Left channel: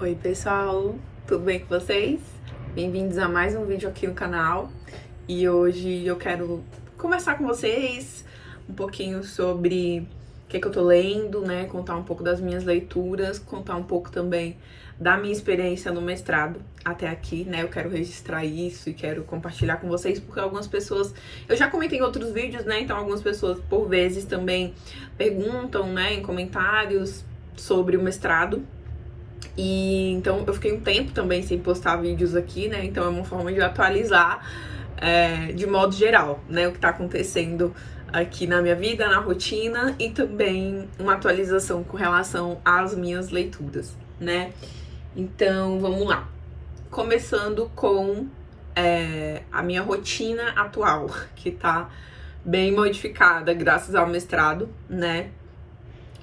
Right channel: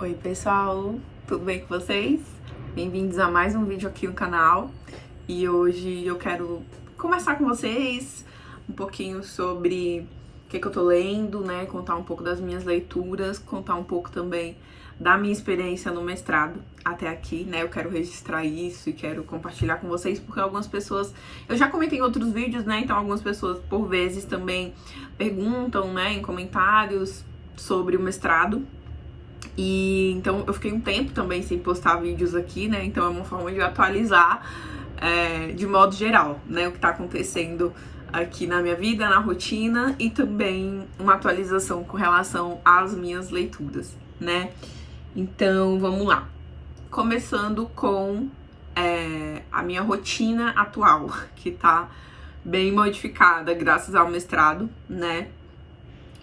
Oi pessoal, tudo bem com vocês? Bem-vindos a mais um vídeo aqui no canal. E hoje eu quero conversar com vocês um pouquinho sobre o que eu tô lendo, né? Contar um pouco das minhas leituras, contar um pouco também da minha experiência no mestrado até aqui, né? Eu quero registrar isso e quero compartilhar com vocês, porque algumas pessoas, eu já comentei em outros vídeos, né? Então algumas pessoas por vezes também perguntam, né, em comentários sobre o mestrado. E então eu fiquei um tempo também sem postar vídeos aqui, né? Então é uma forma de atualizar de modo geral, né? O que tá acontecendo aqui na minha vida, na rotina, e também uma atualização com relação às minhas leituras, né? Então vamos lá. Começando com a minha rotina atual, que tá bem modificada graças ao mestrado, né?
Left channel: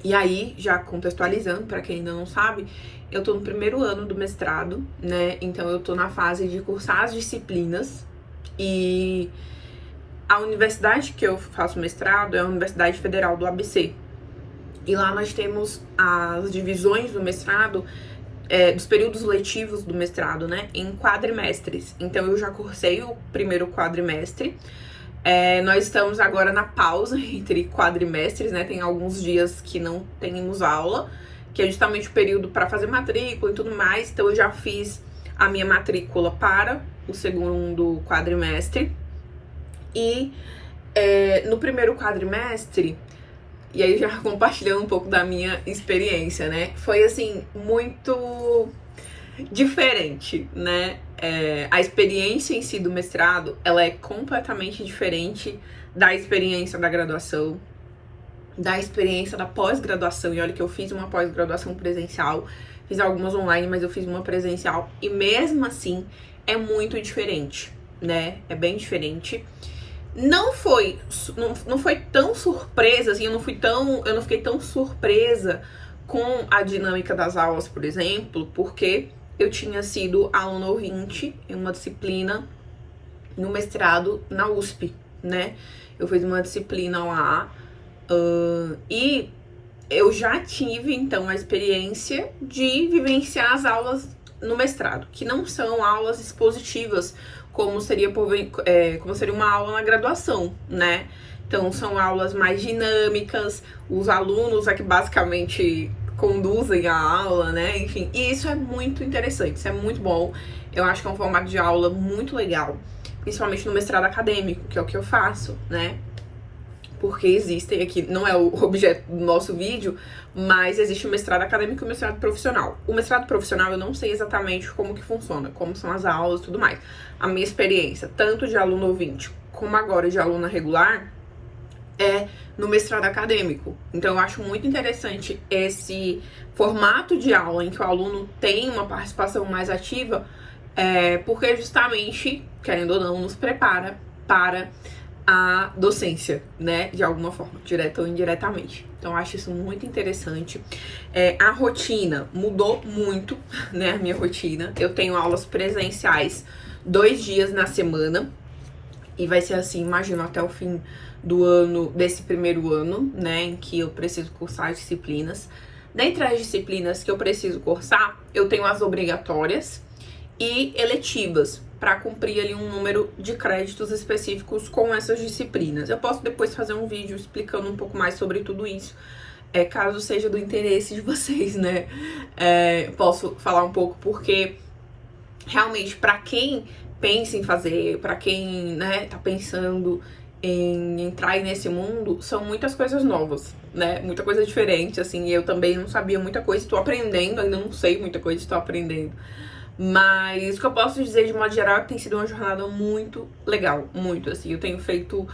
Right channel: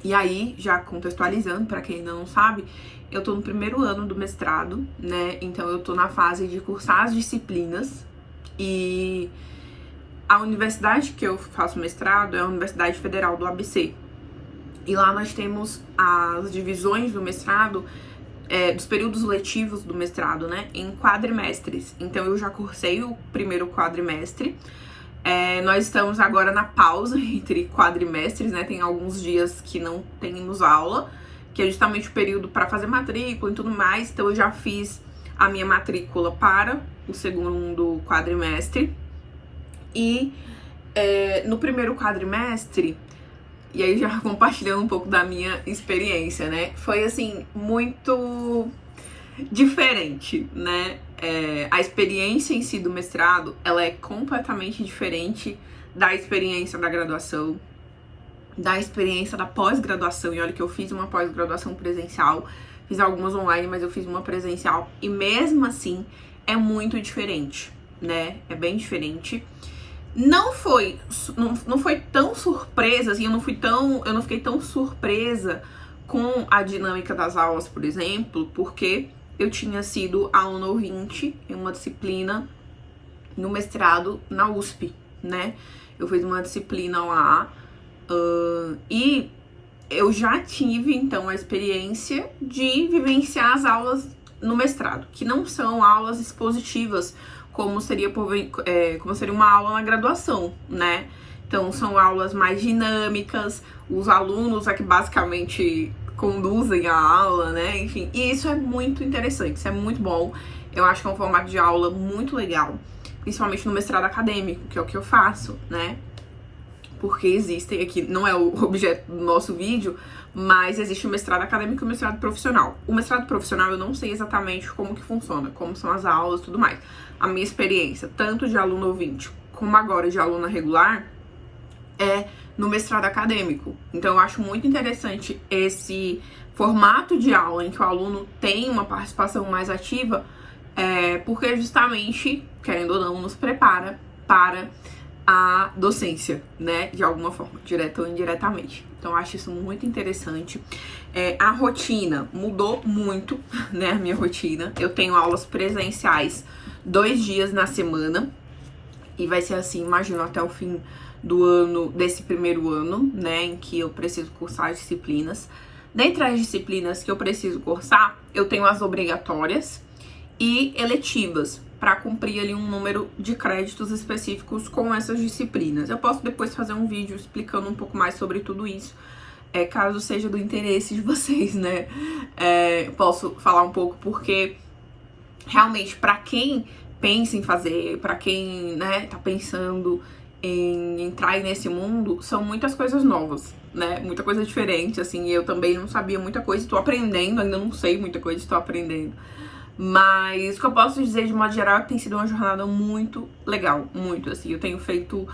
E aí, já contextualizando, para quem ainda não sabe, eu tô no primeiro ano do mestrado, né? Então eu tô na fase de cursar as disciplinas e a universidade que eu faço mestrado é a Universidade Federal do ABC. E lá nós temos as divisões do mestrado, dos períodos letivos do mestrado, né? Em quadrimestres. Então eu já cursei o primeiro quadrimestre. Nós estamos agora na pausa entre quadrimestres, né? Tem alguns dias que não temos aula, que é justamente o período para fazer matrícula e tudo mais. Então eu já fiz a minha matrícula para o segundo quadrimestre. E no primeiro quadrimestre, e aí já compartilhando um pouco da minha experiência, né? Foi assim, muito diferente, né? A experiência em si do mestrado, ela é completamente diferente da experiência da graduação, da experiência da pós-graduação. E olha que eu fiz uma pós-graduação presencial, fiz algumas online, mas eu fiz uma presencial, e mesmo assim é muito diferente, né? É bem diferente. Não foi tão surpresa, assim, eu não fiquei tão surpresa com a dinâmica das aulas, por exemplo, porque eu tinha sido aluna ouvinte em uma disciplina no mestrado na USP, né? Eu fiz uma disciplina lá e eu já tive, então, a experiência de vivenciar as aulas no mestrado, que não são aulas expositivas, como seria uma aula na graduação, né? Então, são aulas mais dinâmicas, os alunos é que basicamente conduzem a aula, né? Enfim, e isso é muito interessante, isso é muito bom. Eu acho que é um formato de aula muito legal, principalmente no mestrado acadêmico, que é o que eu faço, né? Porque existem aqui, não é o objeto do nosso vídeo, mas existe o mestrado acadêmico e o mestrado profissional. O mestrado profissional eu não sei exatamente como que funciona, como são as aulas e tudo mais. A minha experiência, tanto de aluno ouvinte, como agora de aluna regular, é no mestrado acadêmico. Então eu acho muito interessante esse formato de aula em que o aluno tem uma participação mais ativa, porque justamente, querendo ou não, nos prepara para a docência, né, de alguma forma, direta ou indiretamente. Então eu acho isso muito interessante. A rotina mudou muito, né, a minha rotina. Eu tenho aulas presenciais 2 dias na semana, e vai ser assim, imagino, até o fim do ano, desse primeiro ano, né, em que eu preciso cursar as disciplinas. Dentre as disciplinas que eu preciso cursar, eu tenho as obrigatórias e eletivas, para cumprir ali um número de créditos específicos com essas disciplinas. Eu posso depois fazer um vídeo explicando um pouco mais sobre tudo isso, caso seja do interesse de vocês, né? Posso falar um pouco, porque realmente, para quem pensa em fazer, para quem, né, tá pensando em entrar nesse mundo, são muitas coisas novas, né? Muita coisa diferente, assim. Eu também não sabia muita coisa, estou aprendendo, ainda não sei muita coisa, estou aprendendo. Mas o que eu posso dizer de modo geral é que tem sido uma jornada muito legal, muito, assim. Eu tenho feito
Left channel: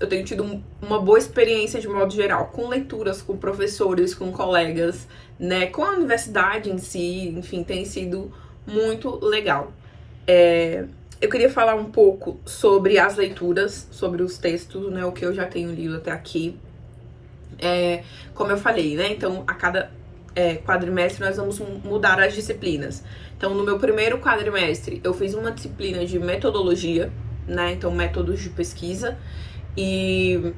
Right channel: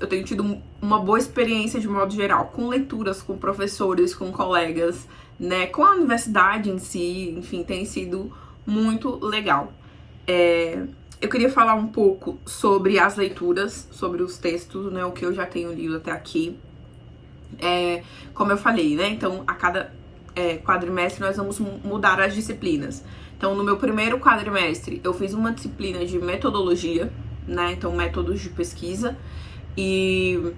eu tenho tido uma boa experiência de modo geral, com leituras, com professores, com colegas, né, com a universidade em si, enfim, tem sido muito legal. Eu queria falar um pouco sobre as leituras, sobre os textos, né, o que eu já tenho lido até aqui. Como eu falei, né, então a cada quadrimestre nós vamos mudar as disciplinas. Então, no meu primeiro quadrimestre, eu fiz uma disciplina de metodologia, né? Então, métodos de pesquisa. E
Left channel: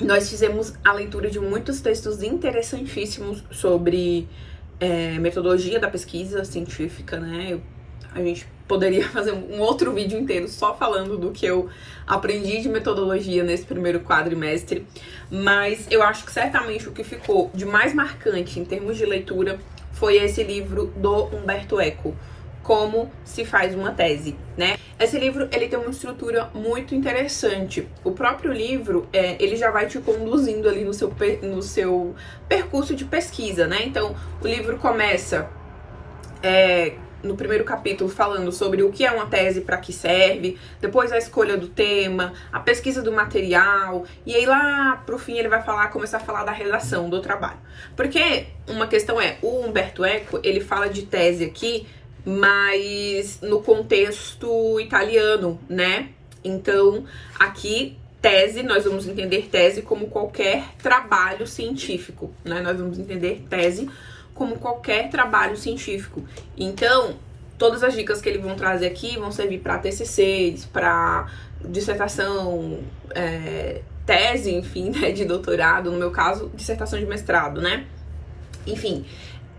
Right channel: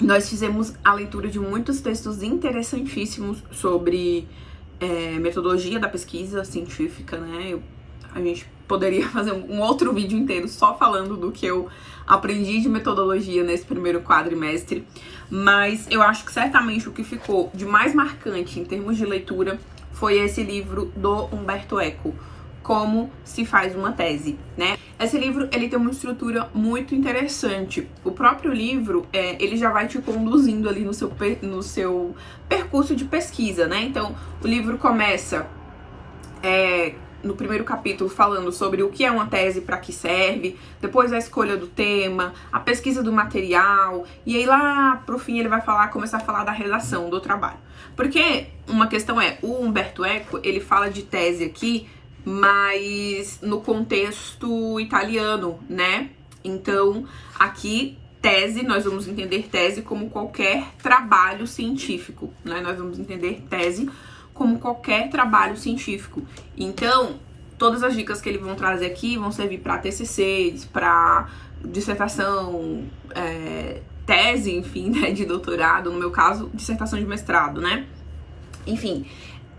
nós fizemos a leitura de muitos textos interessantíssimos sobre metodologia da pesquisa científica, né? A gente poderia fazer um outro vídeo inteiro só falando do que eu aprendi de metodologia nesse primeiro quadrimestre, mas eu acho que certamente o que ficou de mais marcante em termos de leitura foi esse livro do Humberto Eco, Como se faz uma tese, né? Esse livro, ele tem uma estrutura muito interessante. O próprio livro, ele já vai te conduzindo ali no seu percurso de pesquisa, né? Então, o livro começa no primeiro capítulo falando sobre o que é uma tese, para que serve, depois a escolha do tema, a pesquisa do material, e aí lá pro fim ele vai começar a falar da redação do trabalho. Porque uma questão o Umberto Eco, ele fala de tese aqui, mas no contexto italiano, né? Então, aqui, tese, nós vamos entender tese como qualquer trabalho científico, né? Nós vamos entender tese como qualquer trabalho científico. Então, todas as dicas que eles vão trazer aqui vão servir para TCCs, para dissertação, tese, enfim, né, de doutorado, no meu caso, dissertação de mestrado, né? Enfim,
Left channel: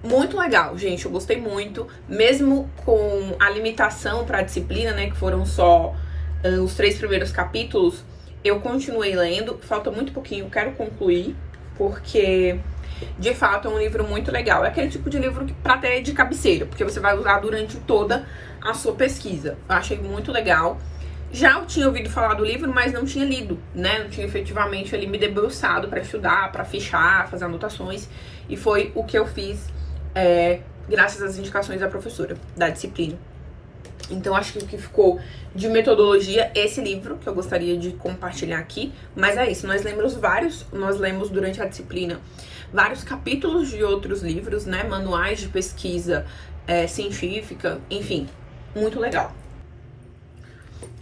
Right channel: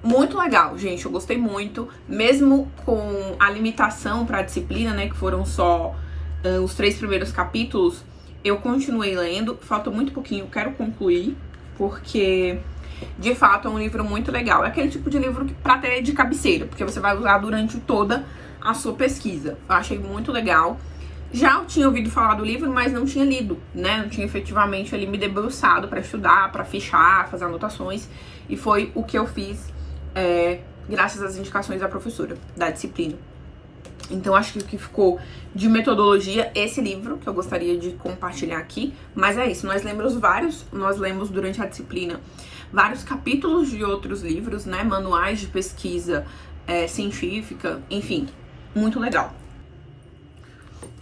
muito legal, gente, eu gostei muito, mesmo com a limitação para a disciplina, né, que foram só os 3 primeiros capítulos, eu continuei lendo, falta muito pouquinho, eu quero concluir, porque de fato é um livro muito legal. É aquele tipo de livro que pra ter de cabeceira, porque você vai usar durante toda a sua pesquisa. Eu achei muito legal. Já eu tinha ouvido falar do livro, mas não tinha lido, né? Não tinha efetivamente ali me debruçado pra estudar, pra fichar, fazer anotações. E foi o que eu fiz graças às indicações da professora da disciplina. Então, acho que o que ficou de metodologia, esse livro, que eu gostaria de compartilhar aqui. Mas é isso, nós lemos durante a disciplina vários capítulos de outros livros, né? Manuais de pesquisa científica, enfim, muito legal.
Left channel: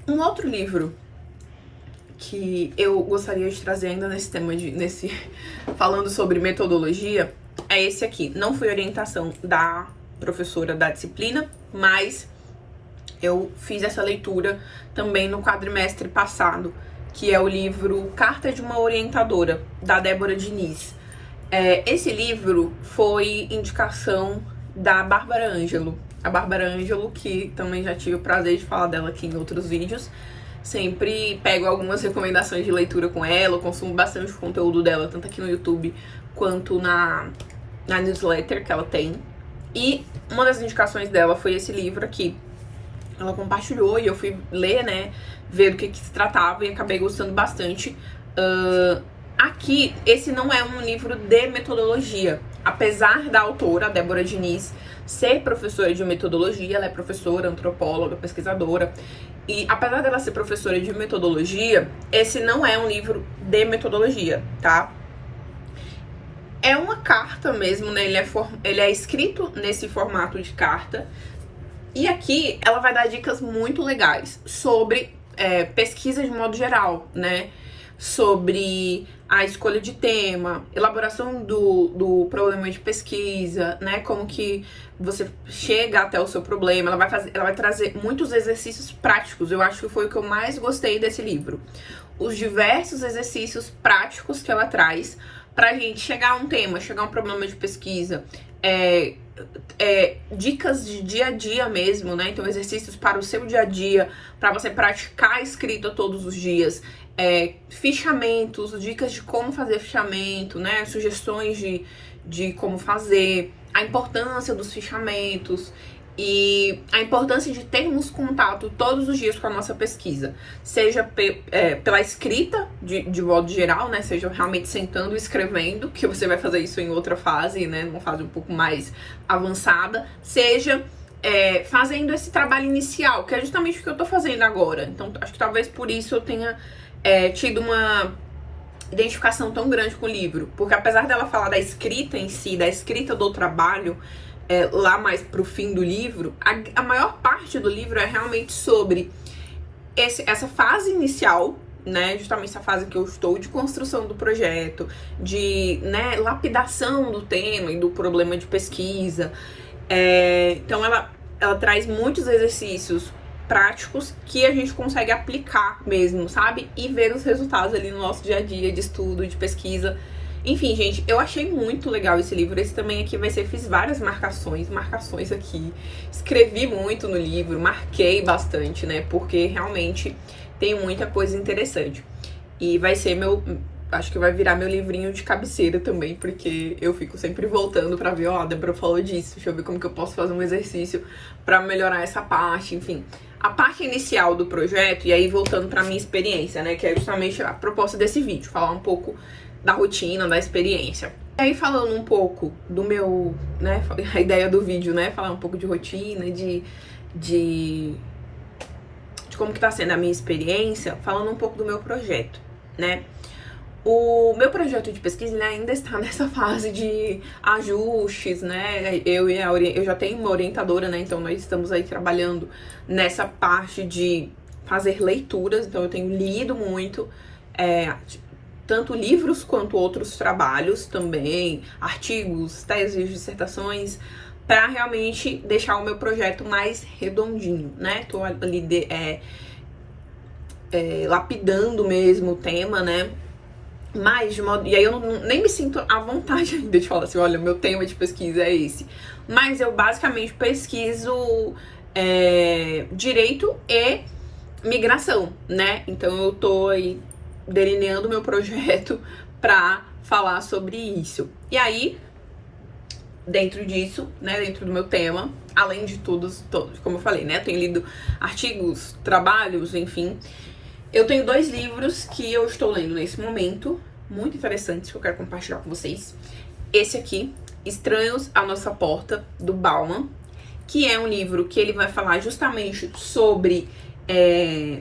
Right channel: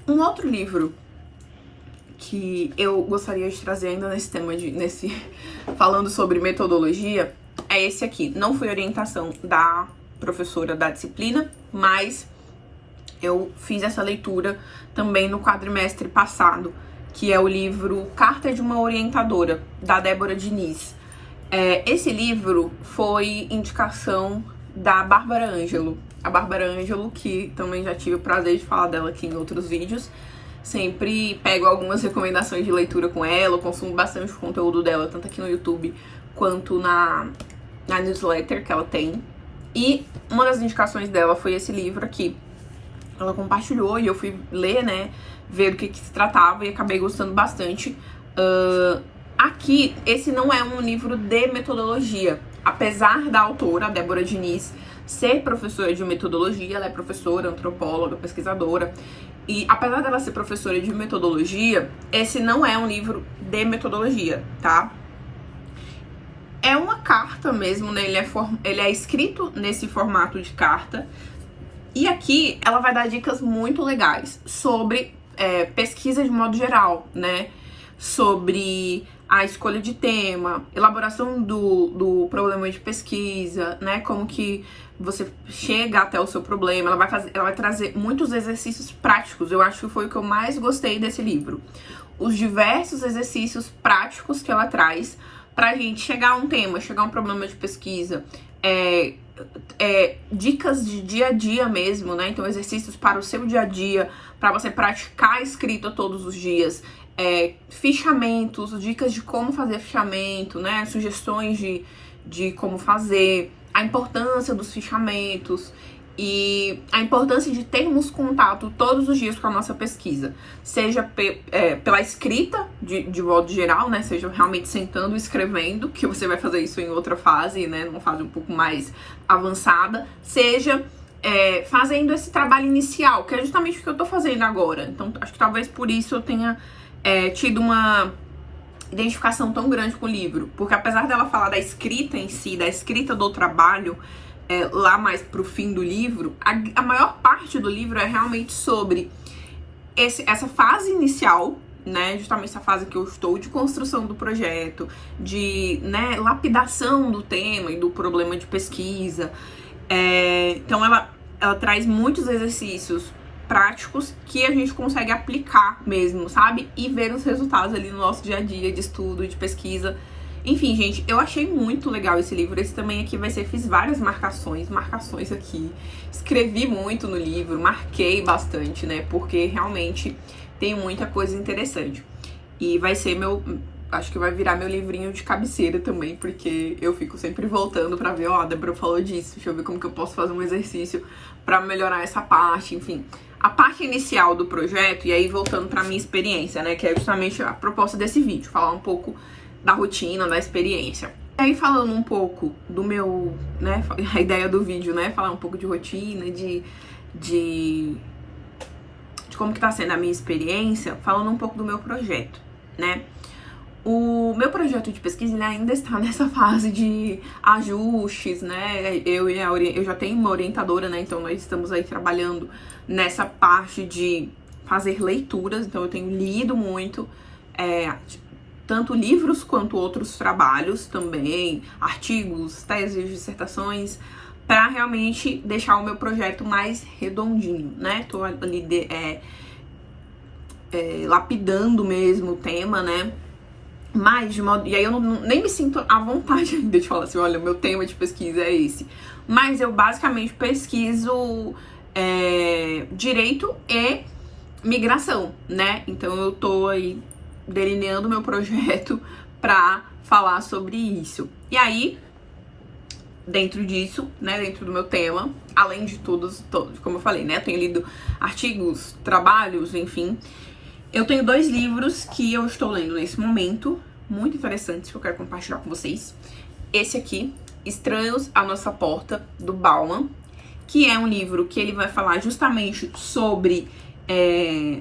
Um outro livro que eu gostaria de trazer ainda nesse tema, falando sobre metodologia, é esse aqui. Não foi orientação da professora da disciplina, mas eu fiz essa leitura também no quadrimestre passado, que é o livro Carta de uma Orientadora, da Débora Diniz. Esse livro foi indicação da Bárbara Ângelo. A Bárbara Ângelo, que também já tive o prazer de falar dela aqui em outros vídeos. Sempre pego algumas recomendações de leitura com ela, eu consumo bastante o conteúdo dela, tanto aqui no YouTube quanto na newsletter que ela tem. E uma das indicações dela foi esse livro aqui. Ela compartilhou e eu fui ler, né, ver do que se tratava e acabei gostando bastante. Aqui, esse não é um livro de metodologia. Apesar da autora, a Débora Diniz, ser professora de metodologia, ela é professora, antropóloga, pesquisadora. E apesar dela ser professora de metodologia, esse não é um livro de metodologia, tá? É uma carta mesmo, né? Ele é escrito nesse formato de carta. E aqui ela vai dar dicas muito legais sobre pesquisa de modo geral, né? Sobre a escolha de tema, elaboração do problema de pesquisa, né? Como que você chega até o seu problema. Ela vai trazer muitos exercícios práticos. Eu acho que foi o que eu mais gostei desse livro. Os diversos exercícios práticos que ela traz pra gente chegar a um tema, chegar a um problema de pesquisa. Dicas de dia a dia mesmo, né? Então, exercícios para o seu dia a dia, para você praticar a escrita todos os dias. Fichamentos, dicas de como fazer fichamento, né? Sugestões de como fazer, a importância dos fichamentos e a importância de termos contato todos os dias com a nossa pesquisa, seja pela escrita de modo geral, né? Seja realmente sentando e escrevendo, que você vai fazer isso em outra fase, né? Numa fase um pouco mais avançada, seja fazendo esse trabalho inicial, que é justamente o que eu tô fazendo agora. Então, acho que talvez por isso eu tenha tido uma identificação tão grande com o livro, porque apesar dela falar da escrita em si, da escrita do trabalho, lá mais pro fim do livro, a maior parte do livro é realmente sobre essa fase inicial, né, justamente essa fase que eu estou de construção do projeto, de, né, lapidação do tema e do problema de pesquisa. Então ela traz muitos exercícios práticos que a gente consegue aplicar mesmo, sabe? E ver os resultados ali no nosso dia a dia de estudo, de pesquisa. Enfim, gente, eu achei muito legal esse livro. Esse também aqui vai ser, fiz várias marcações aqui. Escrevi muito no livro, marquei bastante, né? Porque realmente tem muita coisa interessante. E vai ser acho que vai virar meu livrinho de cabeceira também, porque eu fico sempre voltando pra ver, ó, a Débora falou disso, deixa eu ver como que eu posso fazer um exercício pra melhorar essa parte, enfim. A parte inicial do projeto, e aí voltando pra minha experiência, né, que é justamente a proposta desse vídeo, falar um pouco da rotina, da experiência. E aí falando um pouco do meu, né, a ideia do vídeo, né, falar um pouco de rotina, de como que tá sendo a minha experiência, falando um pouco do meu projeto, né. O meu projeto de pesquisa ele ainda está nessa fase de ajustes, né? Eu já tenho uma orientadora, né? Então nós estamos aí trabalhando nessa parte de fazer leituras. Então eu tenho lido muito, tanto livros quanto outros trabalhos também, artigos, teses, dissertações, para realmente deixar o meu projeto mais redondinho, né? Tô ali lapidando mesmo o tema, né? Mas, de modo... E aí eu nem me sinto à vontade ainda de falar assim, olha, meu tema de pesquisa é esse. Mas eu basicamente pesquiso direito e migração, né? Então eu tô aí delineando meu projeto pra falar sobre isso. E aí, dentro disso, né, dentro do meu tema, além de todos, como eu falei, né, eu tenho lido artigos, trabalhos, enfim... Eu tenho 2 livros que eu estou lendo nesse momento, muito interessantes, que eu quero compartilhar com vocês. Esse aqui, Estranhos à Nossa Porta, do Bauman, que é um livro que ele vai falar justamente sobre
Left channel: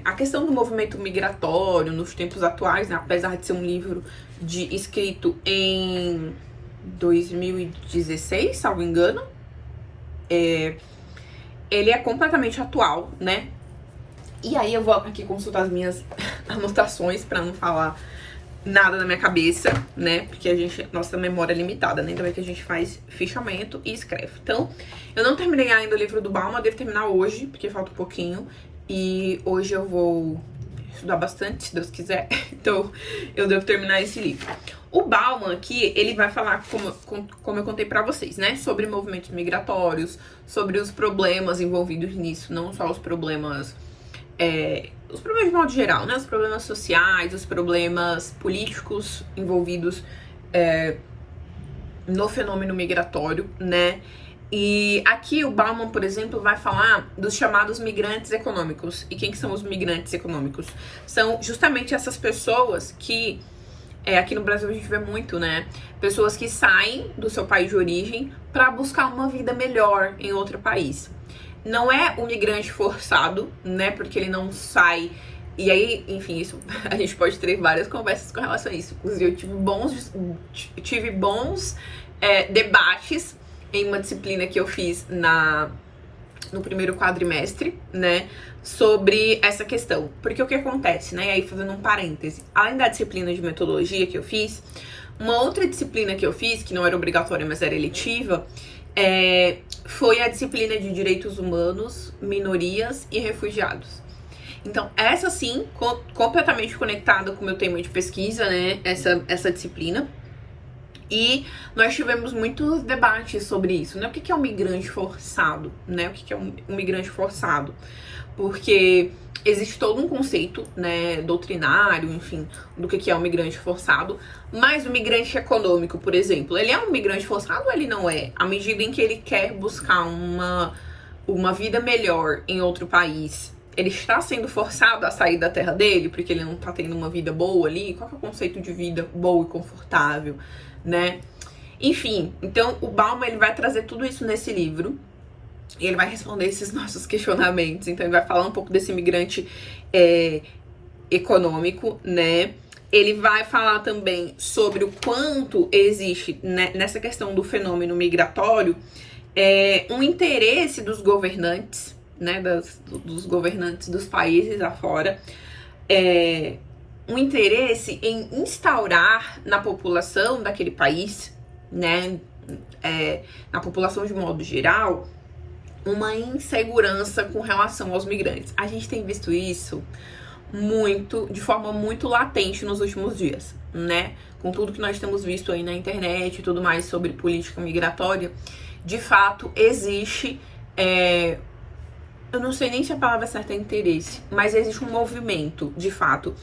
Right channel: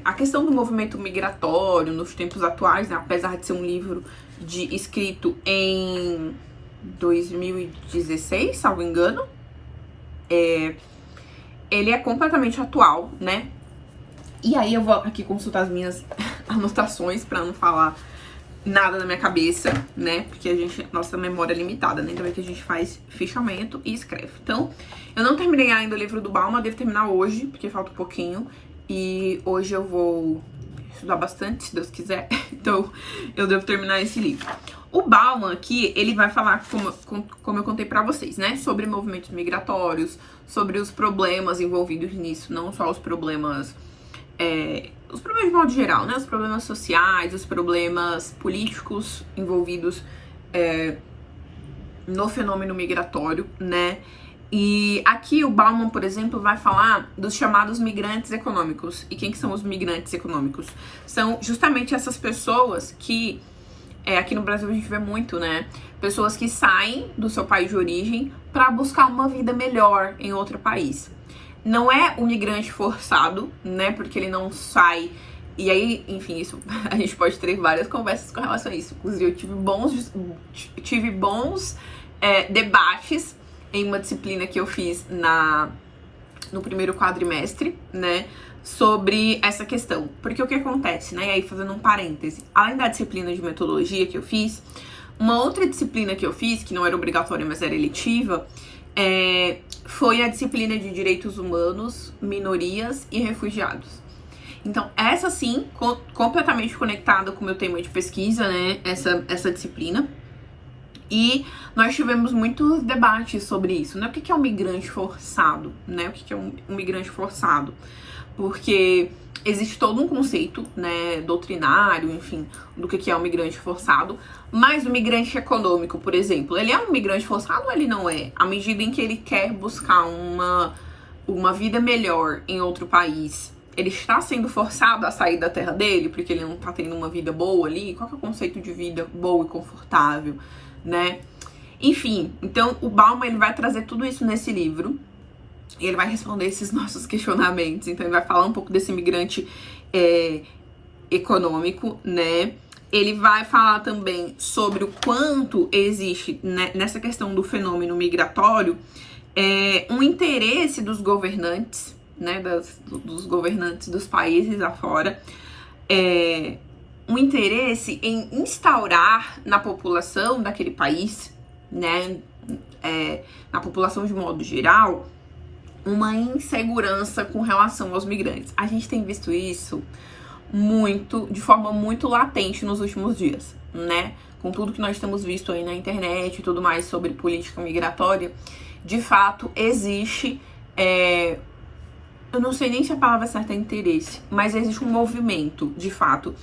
a questão do movimento migratório nos tempos atuais, né? Apesar de ser um livro escrito em 2016, salvo engano. Ele é completamente atual, né? E aí eu vou aqui consultar as minhas anotações pra não falar nada na minha cabeça, né? Porque nossa memória é limitada, né? Então é que a gente faz fichamento e escreve. Então, eu não terminei ainda o livro do Bauman, eu devo terminar hoje, porque falta um pouquinho. E hoje eu vou estudar bastante, se Deus quiser. Então, eu devo terminar esse livro. O Bauman aqui, ele vai falar, como eu contei pra vocês, né? Sobre movimentos migratórios, sobre os problemas envolvidos nisso, não só os problemas de modo geral, né? Os problemas sociais, os problemas políticos envolvidos no fenômeno migratório, né? E aqui o Bauman, por exemplo, vai falar dos chamados migrantes econômicos. E quem que são os migrantes econômicos? São justamente essas pessoas que, aqui no Brasil a gente vê muito, né? Pessoas que saem do seu país de origem para buscar uma vida melhor em outro país. Não é o migrante forçado, né? Porque ele não sai. E aí, enfim, isso a gente pode ter várias conversas com relação a isso. Inclusive, eu tive bons debates em uma disciplina que eu fiz no primeiro quadrimestre, né? Sobre essa questão. Porque o que acontece, né? E aí, fazendo um parêntese, além da disciplina de metodologia que eu fiz, uma outra disciplina que eu fiz, que não era obrigatória, mas era eletiva, foi a disciplina de Direitos Humanos, Minorias e Refugiados. Então, essa sim, completamente conectada com o meu tema de pesquisa, né, essa disciplina. E nós tivemos muitos debates sobre isso, né, o que é um migrante forçado, né, o que é um migrante forçado. Porque existe todo um conceito, né, doutrinário, enfim, do que é um migrante forçado. Mas o migrante econômico, por exemplo, ele é um migrante forçado ou ele não é? À medida em que ele quer buscar uma vida melhor em outro país, ele está sendo forçado a sair da terra dele porque ele não está tendo uma vida boa ali? Qual que é o conceito de vida boa e confortável, né? Enfim, então o Bauman, ele vai trazer tudo isso nesse livro. E ele vai responder esses nossos questionamentos. Então ele vai falar um pouco desse migrante econômico, né? Ele vai falar também sobre o quanto existe, né, nessa questão do fenômeno migratório, um interesse dos governantes, né, dos governantes dos países afora, um interesse em instaurar na população daquele país, né, na população de modo geral, uma insegurança com relação aos migrantes. A gente tem visto isso de forma muito latente nos últimos dias, né? com tudo que nós temos visto aí na internet e tudo mais sobre política migratória, de fato existe, eu não sei nem se a palavra certa é interesse, mas existe um movimento, de fato,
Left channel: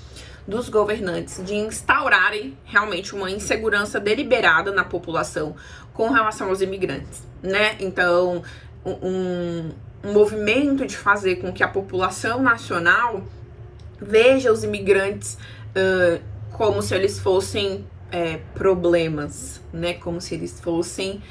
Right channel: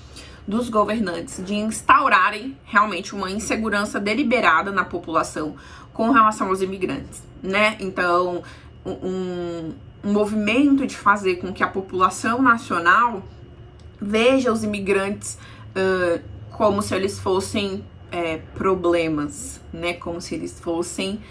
dos governantes de instaurarem realmente uma insegurança deliberada na população com relação aos imigrantes, né? Então, um movimento de fazer com que a população nacional veja os imigrantes como se eles fossem problemas, né? Como se eles fossem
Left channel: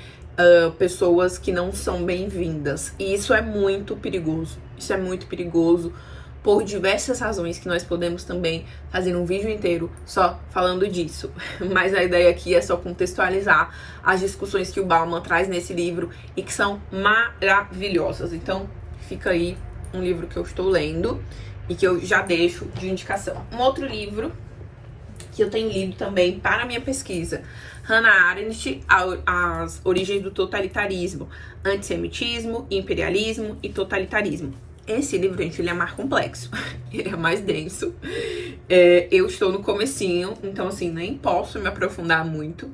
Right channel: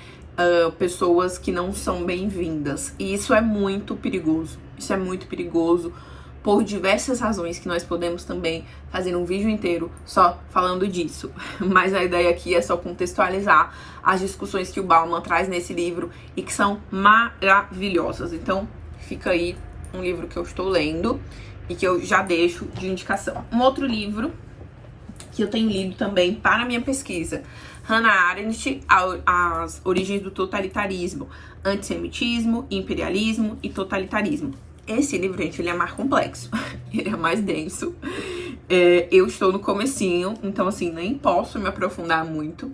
pessoas que não são bem-vindas. E isso é muito perigoso. Isso é muito perigoso por diversas razões que nós podemos também fazer um vídeo inteiro só falando disso. Mas a ideia aqui é só contextualizar as discussões que o Bauman traz nesse livro e que são maravilhosas. Então, fica aí um livro que eu estou lendo e que eu já deixo de indicação. Um outro livro que eu tenho lido também para a minha pesquisa, Hannah Arendt, As Origens do Totalitarismo, Antissemitismo, Imperialismo e Totalitarismo. Esse livro, gente, ele é mais complexo, ele é mais denso. Eu estou no comecinho, então, assim, nem posso me aprofundar muito.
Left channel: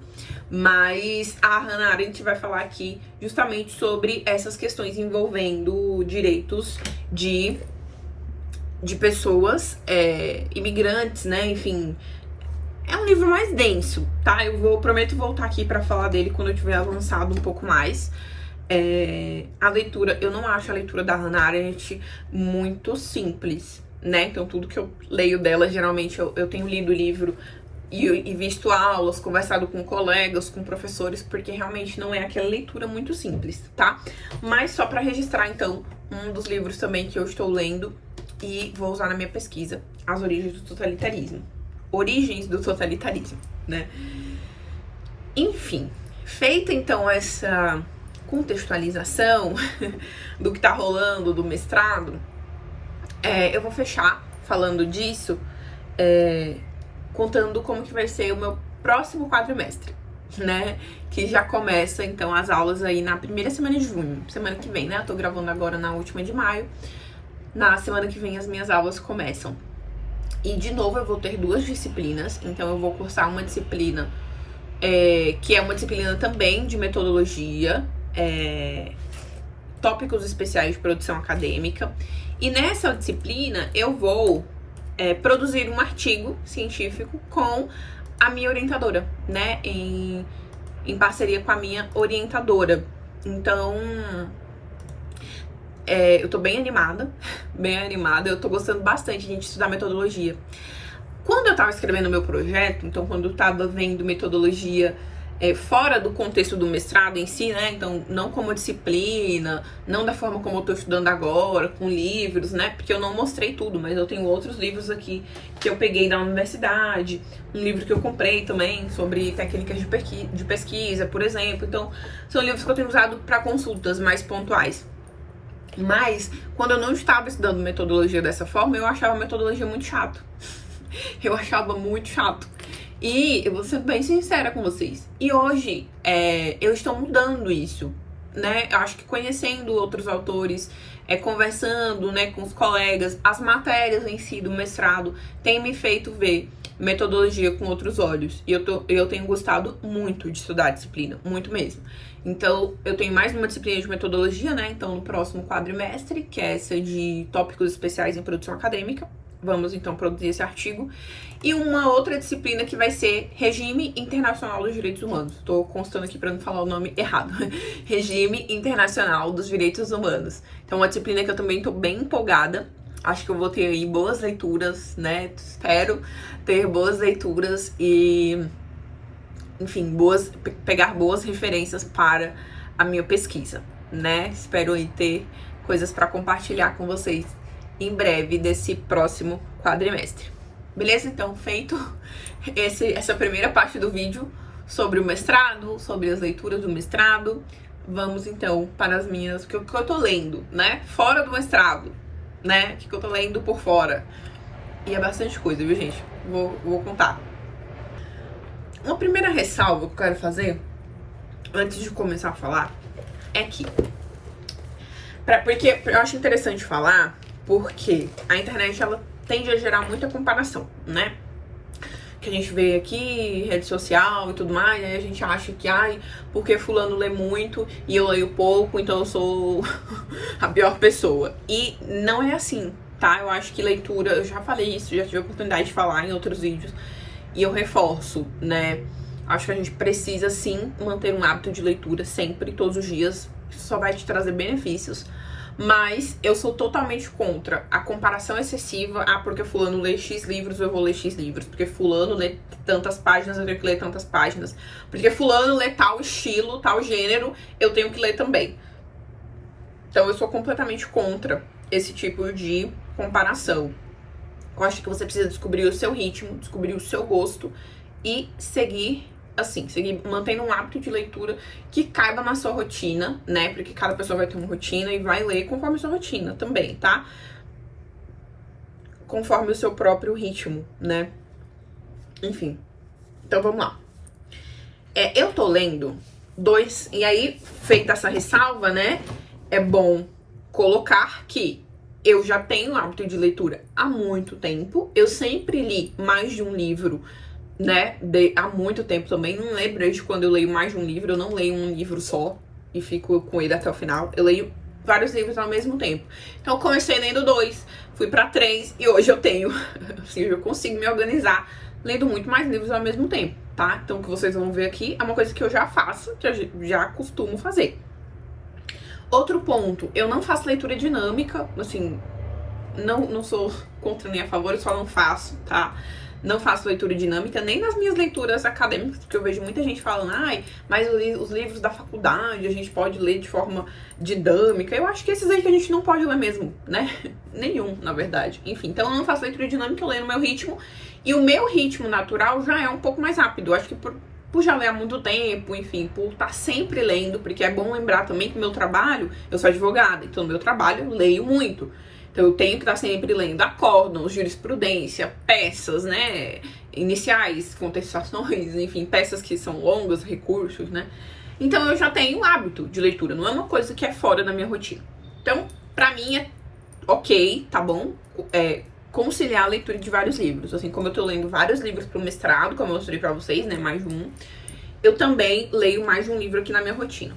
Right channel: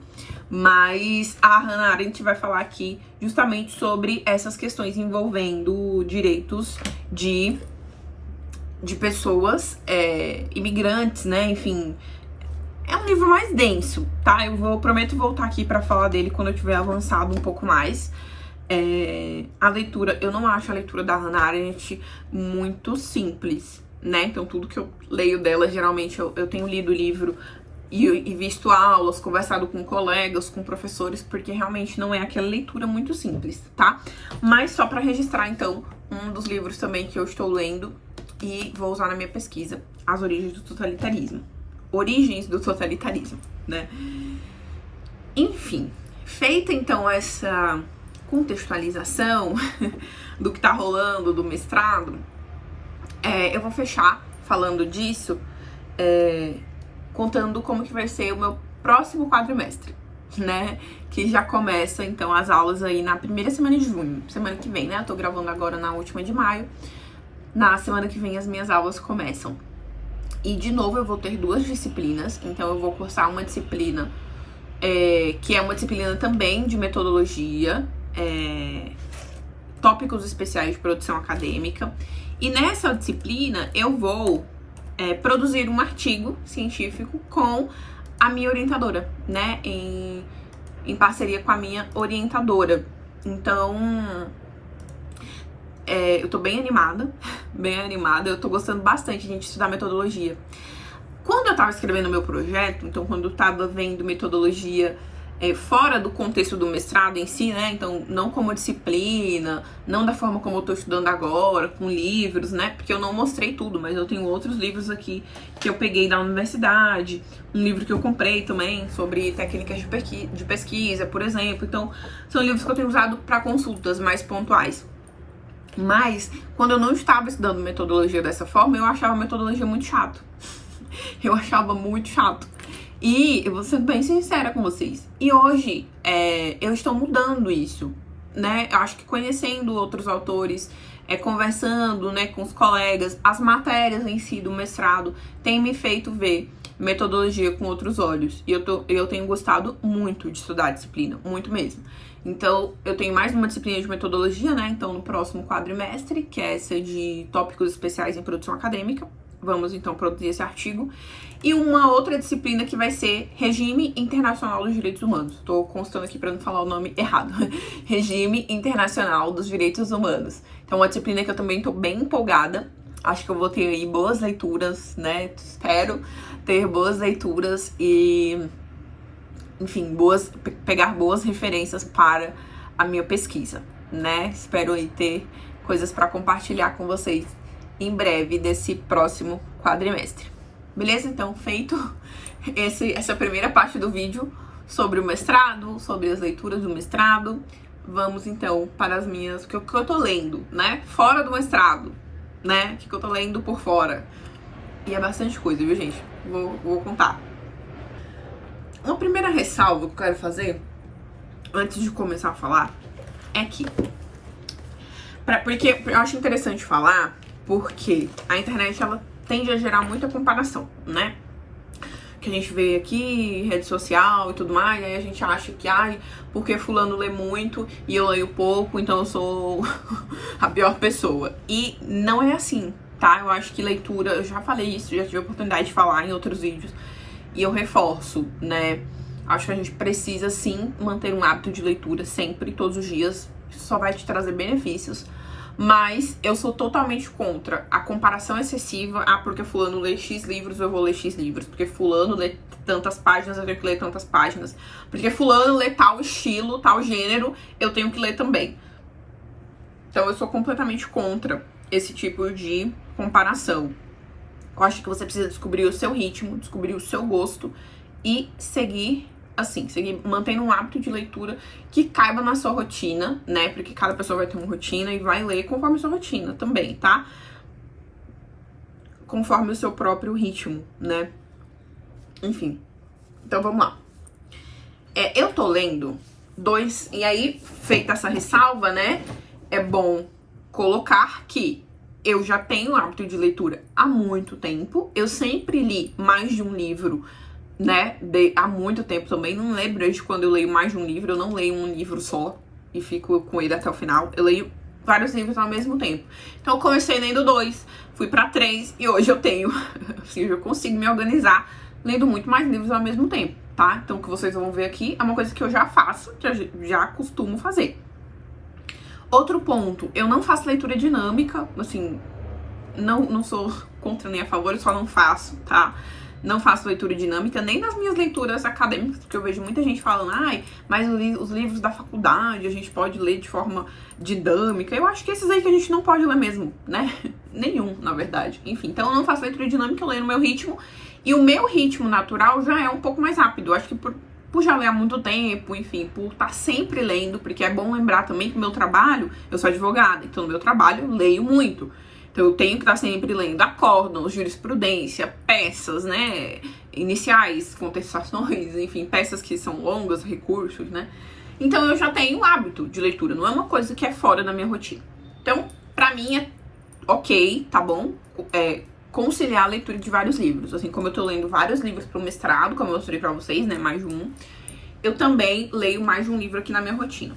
Mas a Hannah Arendt vai falar aqui justamente sobre essas questões envolvendo direitos de pessoas imigrantes, né? Enfim, é um livro mais denso, tá? Prometo voltar aqui pra falar dele quando eu tiver avançado um pouco mais. A leitura, eu não acho a leitura da Hannah Arendt muito simples, né? Então, tudo que eu leio dela, geralmente, eu tenho lido o livro e visto aulas, conversado com colegas, com professores, porque realmente não é aquela leitura muito simples, tá? Mas só pra registrar, então, um dos livros também que eu estou lendo e vou usar na minha pesquisa, As Origens do Totalitarismo. Origens do Totalitarismo, né? Enfim, feita, então, essa contextualização do que tá rolando do mestrado, eu vou fechar falando disso, contando como que vai ser o meu próximo quadrimestre, né? Que já começa, então, as aulas aí na primeira semana de junho, semana que vem, né? Eu tô gravando agora na última de maio, na semana que vem as minhas aulas começam. E, de novo, eu vou ter 2 disciplinas, então eu vou cursar uma disciplina que é uma disciplina também de metodologia, tópicos especiais de produção acadêmica. E nessa disciplina eu vou produzir um artigo científico com a minha orientadora, né? Em parceria com a minha orientadora. Então, eu tô bem animada, eu tô gostando bastante de estudar metodologia. Quando eu tava escrevendo o meu projeto, então quando eu tava vendo metodologia fora do contexto do mestrado em si, né? Então, não como disciplina, não da forma como eu tô estudando agora, com livros, né? Porque eu não mostrei tudo, mas eu tenho outros livros aqui que eu peguei da universidade, um livro que eu comprei também sobre técnicas de pesquisa, por exemplo. Então, são livros que eu tenho usado para consultas mais pontuais. Mas, quando eu não estava estudando metodologia dessa forma, eu achava a metodologia muito chato. Eu achava muito chato. E eu vou ser bem sincera com vocês. E hoje, eu estou mudando isso, né? Eu acho que conhecendo outros autores, conversando, né, com os colegas, as matérias em si do mestrado têm me feito ver metodologia com outros olhos. E eu tenho gostado muito de estudar a disciplina, muito mesmo. Então, eu tenho mais uma disciplina de metodologia, né? Então, no próximo quadrimestre, que é essa de tópicos especiais em produção acadêmica. Vamos, então, produzir esse artigo. E uma outra disciplina que vai ser Regime Internacional dos Direitos Humanos. Tô constando aqui para não falar o nome errado. Regime Internacional dos Direitos Humanos. Então, uma disciplina que eu também tô bem empolgada. Acho que eu vou ter aí boas leituras, né? Espero ter boas leituras e, enfim, pegar boas referências para a minha pesquisa, né? Espero aí ter coisas para compartilhar com vocês em breve desse próximo quadrimestre. Beleza? Então, feito essa primeira parte do vídeo sobre o mestrado, sobre as leituras do mestrado, vamos então para as minhas, o que eu tô lendo, né? Fora do mestrado, né? O que eu tô lendo por fora. E é bastante coisa, viu, gente? Vou contar. Uma primeira ressalva que eu quero fazer, antes de começar a falar, é que... Porque eu acho interessante falar, porque a internet, ela tende a gerar muita comparação, né? que a gente vê aqui, rede social e tudo mais, aí a gente acha que, ai, porque fulano lê muito e eu leio pouco, então eu sou a pior pessoa. E não é assim, tá? Eu acho que leitura, eu já falei isso, já tive a oportunidade de falar em outros vídeos, e eu reforço, né? Acho que a gente precisa sim manter um hábito de leitura sempre, todos os dias, isso só vai te trazer benefícios. Mas eu sou totalmente contra a comparação excessiva. Ah, porque fulano lê X livros, eu vou ler X livros. Porque fulano lê tantas páginas, eu tenho que ler tantas páginas. Porque fulano lê tal estilo, tal gênero, eu tenho que ler também. Então eu sou completamente contra esse tipo de comparação. Eu acho que você precisa descobrir o seu ritmo, descobrir o seu gosto e seguir assim, mantendo um hábito de leitura que caiba na sua rotina, né? Porque cada pessoa vai ter uma rotina e vai ler conforme a sua rotina também, tá? Conforme o seu próprio ritmo, né? Enfim. Então vamos lá. Eu tô lendo dois, e aí, feita essa ressalva, né? É bom colocar que eu já tenho hábito de leitura há muito tempo. Eu sempre li mais de um livro, né, há muito tempo também. Não lembro desde quando eu leio mais de um livro. Eu não leio um livro só e fico com ele até o final. Eu leio vários livros ao mesmo tempo. Então eu comecei lendo 2, fui pra 3 e hoje eu tenho, assim, eu consigo me organizar lendo muito mais livros ao mesmo tempo, tá? Então o que vocês vão ver aqui é uma coisa que eu já faço, que eu já costumo fazer. Outro ponto, eu não faço leitura dinâmica, assim, não sou contra nem a favor, eu só não faço, tá? Não faço leitura dinâmica, nem nas minhas leituras acadêmicas, porque eu vejo muita gente falando, ai, mas os livros da faculdade a gente pode ler de forma dinâmica. Eu acho que esses aí que a gente não pode ler mesmo, né? Nenhum, na verdade. Enfim, então eu não faço leitura dinâmica, eu leio no meu ritmo. E o meu ritmo natural já é um pouco mais rápido. Eu acho que por já ler há muito tempo, enfim, por estar sempre lendo, porque é bom lembrar também que meu trabalho, eu sou advogada, então no meu trabalho eu leio muito. Então eu tenho que estar sempre lendo acórdãos, jurisprudência, peças, né, iniciais, contestações, enfim, peças que são longas, recursos, né. Então eu já tenho um hábito de leitura, não é uma coisa que é fora da minha rotina. Então, pra mim é ok, tá bom, conciliar a leitura de vários livros. Assim como eu tô lendo vários livros pro mestrado, como eu mostrei pra vocês, né, mais de um, eu também leio mais de um livro aqui na minha rotina.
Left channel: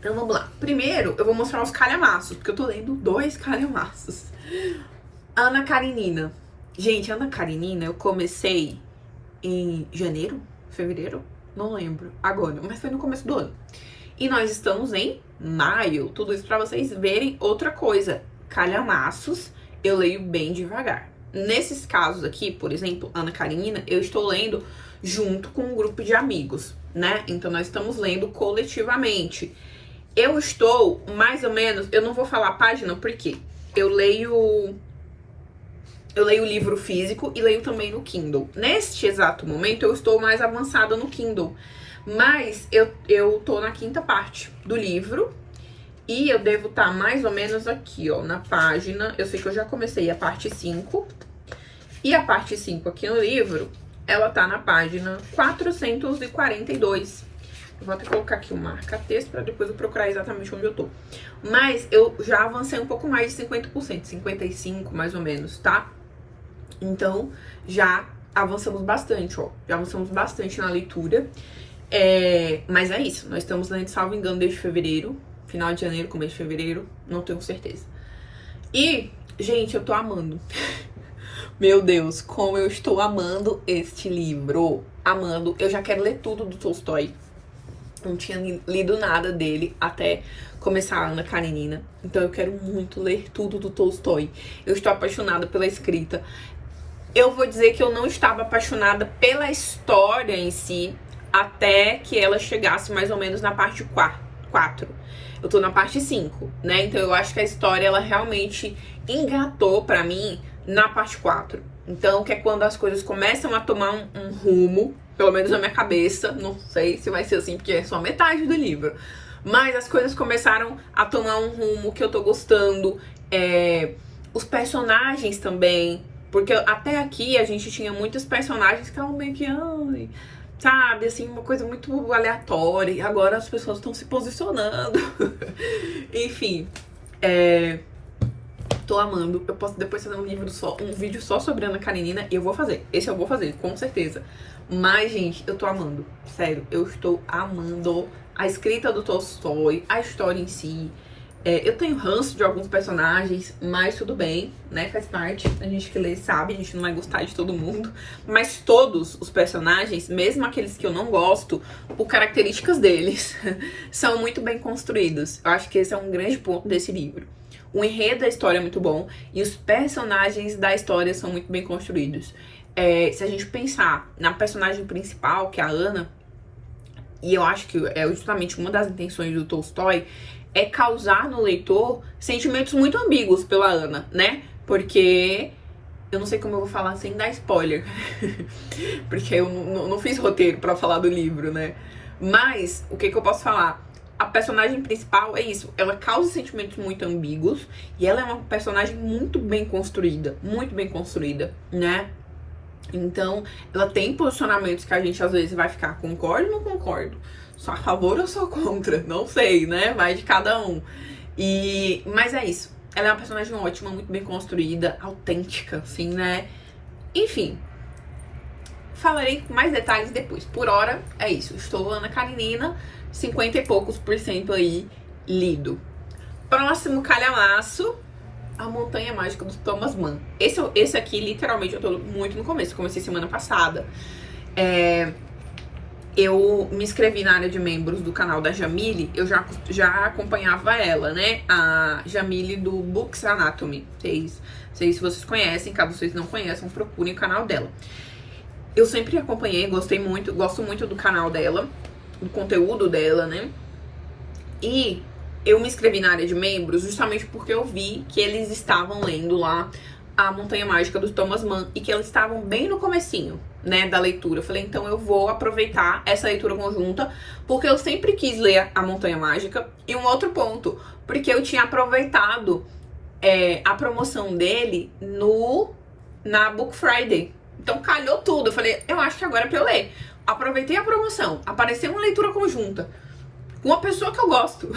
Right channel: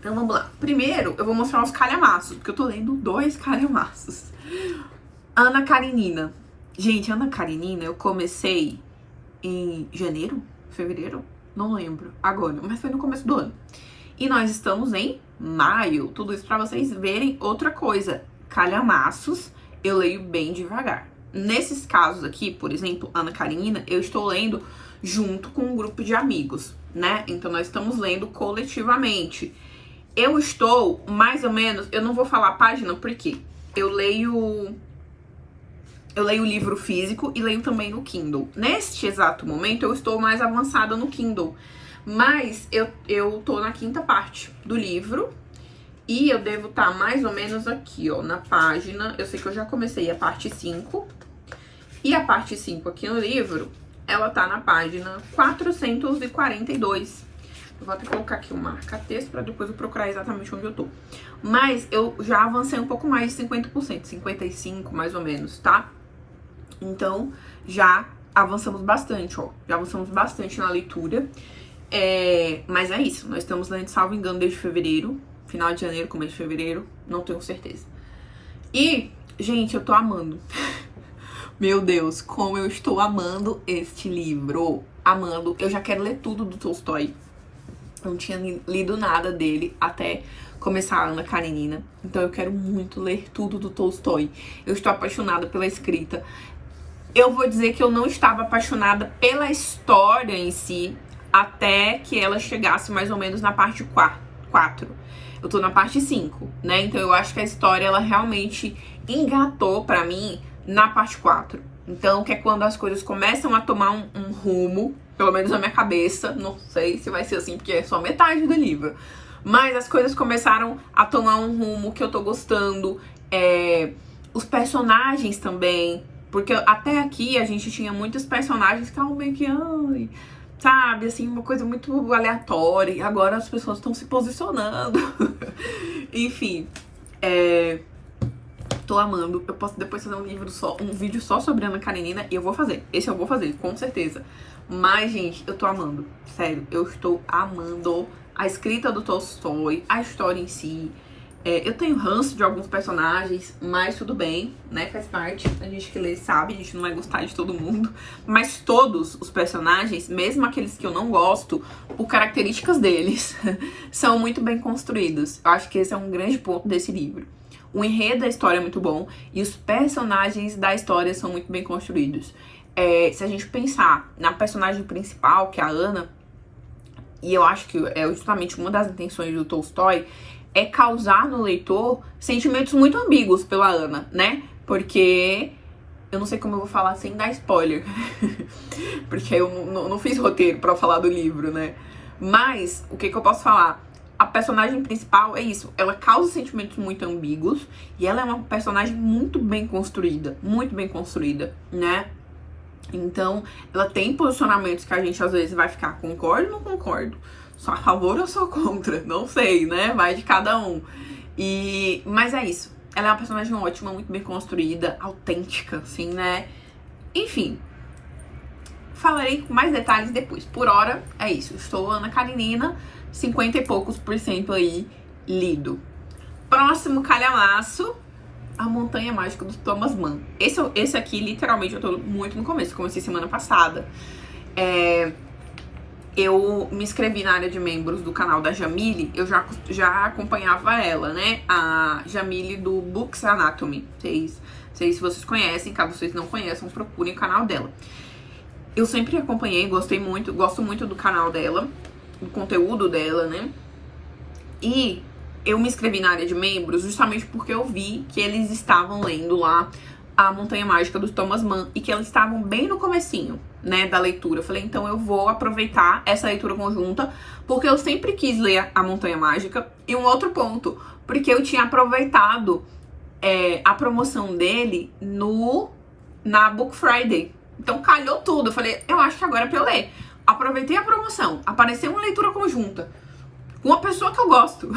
Então vamos lá. Primeiro, eu vou mostrar os calhamaços, porque eu tô lendo 2 calhamaços. Ana Karenina. Gente, Ana Karenina eu comecei em janeiro? Fevereiro? Não lembro agora, mas foi no começo do ano. E nós estamos em maio. Tudo isso pra vocês verem outra coisa. Calhamaços, eu leio bem devagar. Nesses casos aqui, por exemplo, Ana Karenina, eu estou lendo junto com um grupo de amigos, né? Então nós estamos lendo coletivamente. Eu estou, mais ou menos, eu não vou falar a página, porque eu leio o livro físico e leio também no Kindle. Neste exato momento, eu estou mais avançada no Kindle. Mas eu tô na 5ª parte do livro e eu devo estar mais ou menos aqui, ó, na página. Eu sei que eu já comecei a parte 5. E a parte 5 aqui no livro, ela tá na página 442. Eu vou até colocar aqui um marca-texto pra depois eu procurar exatamente onde eu tô. Mas eu já avancei um pouco mais de 50%, 55% mais ou menos, tá? Então, já avançamos bastante, ó. Já avançamos bastante na leitura. Mas é isso, nós estamos lendo, salvo engano, desde fevereiro. Final de janeiro, começo de fevereiro, não tenho certeza. E, gente, eu tô amando. Meu Deus, como eu estou amando este livro. Amando. Eu já quero ler tudo do Tolstói. Não tinha lido nada dele até começar a Ana Karenina. Então eu quero muito ler tudo do Tolstói. Eu estou apaixonada pela escrita. Eu vou dizer que eu não estava apaixonada pela história em si até que ela chegasse mais ou menos na parte 4. Eu tô na parte 5, né? Então eu acho que a história, ela realmente engatou pra mim na parte 4. Então, que é quando as coisas começam a tomar um rumo, pelo menos na minha cabeça, não sei se vai ser assim, porque é só metade do livro. Mas as coisas começaram a tomar um rumo que eu tô gostando. Os personagens também, porque até aqui a gente tinha muitos personagens que estavam meio que, ai, sabe, assim, uma coisa muito aleatória. E agora as pessoas estão se posicionando. Enfim, Tô amando. Eu posso depois fazer um vídeo só sobre Ana Karenina e eu vou fazer. Esse eu vou fazer, com certeza. Mas, gente, eu tô amando. Sério, eu estou amando a escrita do Tolstói, a história em si. Eu tenho ranço de alguns personagens, mas tudo bem, né? Faz parte. A gente que lê sabe, a gente não vai gostar de todo mundo. Mas todos os personagens, mesmo aqueles que eu não gosto, por características deles, são muito bem construídos. Eu acho que esse é um grande ponto desse livro. O enredo da história é muito bom e os personagens da história são muito bem construídos. Se a gente pensar na personagem principal, que é a Ana, e eu acho que é justamente uma das intenções do Tolstói, é causar no leitor sentimentos muito ambíguos pela Ana, né? Porque eu não sei como eu vou falar sem dar spoiler, porque eu não fiz roteiro pra falar do livro, né? Mas o que eu posso falar? A personagem principal é isso, ela causa sentimentos muito ambíguos e ela é uma personagem muito bem construída, né? Então, ela tem posicionamentos que a gente às vezes vai ficar, concordo ou não concordo? Sou a favor ou sou contra? Não sei, né? Vai de cada um. Mas é isso. Ela é uma personagem ótima, muito bem construída, autêntica, assim, né? Enfim. Falarei com mais detalhes depois. Por hora, é isso. Estou Ana Karenina, 50 e poucos % aí, lido. Próximo calhamaço, A Montanha Mágica do Thomas Mann. Esse aqui, literalmente, eu tô muito no começo. Comecei semana passada. Eu me inscrevi na área de membros do canal da Jamile. Eu já acompanhava ela, né? A Jamile do Books Anatomy. Sei se vocês conhecem. Caso vocês não conheçam, procurem o canal dela. Eu sempre acompanhei, gosto muito do canal dela, do conteúdo dela, né? E eu me inscrevi na área de membros justamente porque eu vi que eles estavam lendo lá A Montanha Mágica do Thomas Mann e que eles estavam bem no comecinho, né, da leitura. Eu falei, então eu vou aproveitar essa leitura conjunta, porque eu sempre quis ler A Montanha Mágica. E um outro ponto, porque eu tinha aproveitado a promoção dele na Book Friday. Então calhou tudo. Eu falei, eu acho que agora é pra eu ler. Aproveitei a promoção, apareceu uma leitura conjunta com uma pessoa que eu gosto.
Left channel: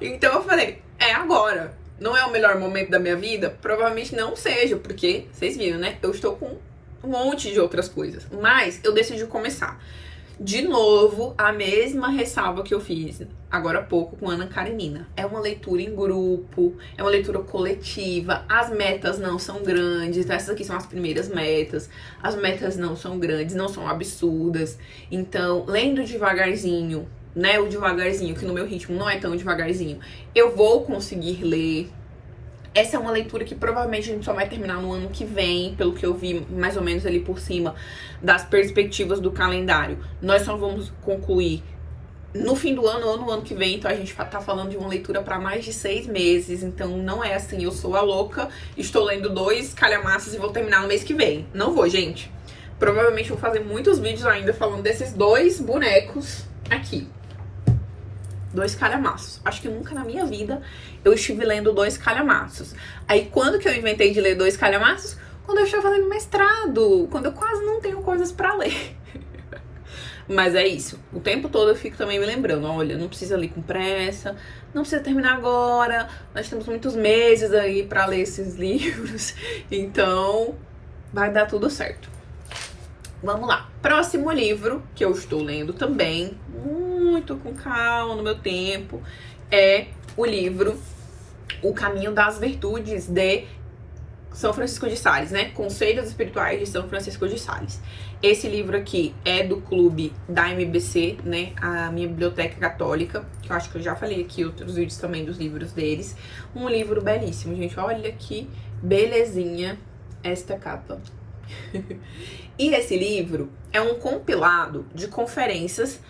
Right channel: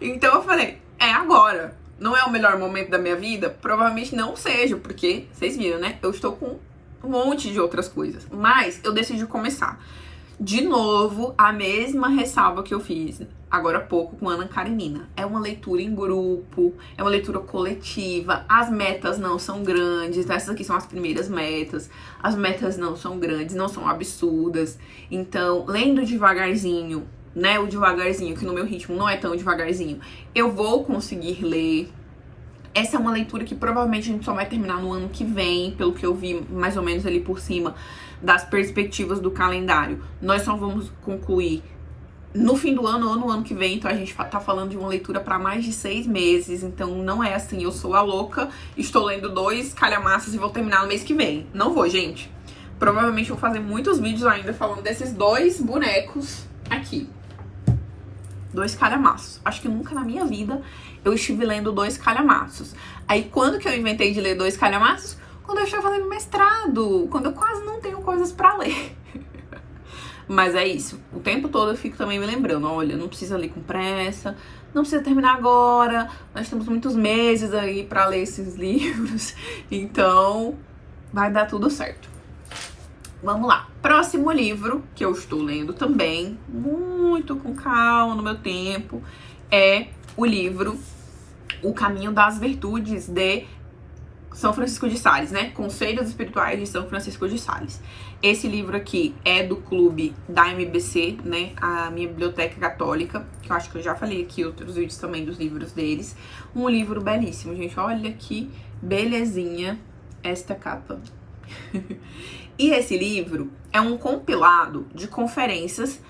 Então eu falei, é agora. Não é o melhor momento da minha vida? Provavelmente não seja, porque, vocês viram, né? Eu estou com um monte de outras coisas. Mas eu decidi começar. De novo, a mesma ressalva que eu fiz agora há pouco com Ana Karenina. É uma leitura em grupo, é uma leitura coletiva. As metas não são grandes. Essas aqui são as primeiras metas. As metas não são grandes, não são absurdas. Então, lendo devagarzinho, né, o devagarzinho, que no meu ritmo não é tão devagarzinho, eu vou conseguir ler. Essa é uma leitura que provavelmente a gente só vai terminar no ano que vem, pelo que eu vi mais ou menos ali por cima das perspectivas do calendário. Nós só vamos concluir no fim do ano ou no ano que vem, então a gente tá falando de uma leitura para mais de 6 meses, então não é assim, eu sou a louca, estou lendo 2 calhamaços e vou terminar no mês que vem. Não vou, gente. Provavelmente vou fazer muitos vídeos ainda falando desses 2 bonecos aqui. 2 calhamaços. Acho que nunca na minha vida eu estive lendo 2 calhamaços. Aí quando que eu inventei de ler 2 calhamaços? Quando eu estou fazendo mestrado, quando eu quase não tenho coisas pra ler. Mas é isso. O tempo todo eu fico também me lembrando, olha, não precisa ler com pressa, não precisa terminar agora, nós temos muitos meses aí pra ler esses livros, então vai dar tudo certo. Vamos lá. Próximo livro que eu estou lendo também, muito com calma, no meu tempo, é o livro O Caminho das Virtudes de São Francisco de Sales, né? Conselhos Espirituais de São Francisco de Sales. Esse livro aqui é do clube da MBC, né? A minha biblioteca católica, que eu acho que eu já falei aqui em outros vídeos também dos livros deles. Um livro belíssimo, gente. Olha que belezinha esta capa. E esse livro é um compilado de conferências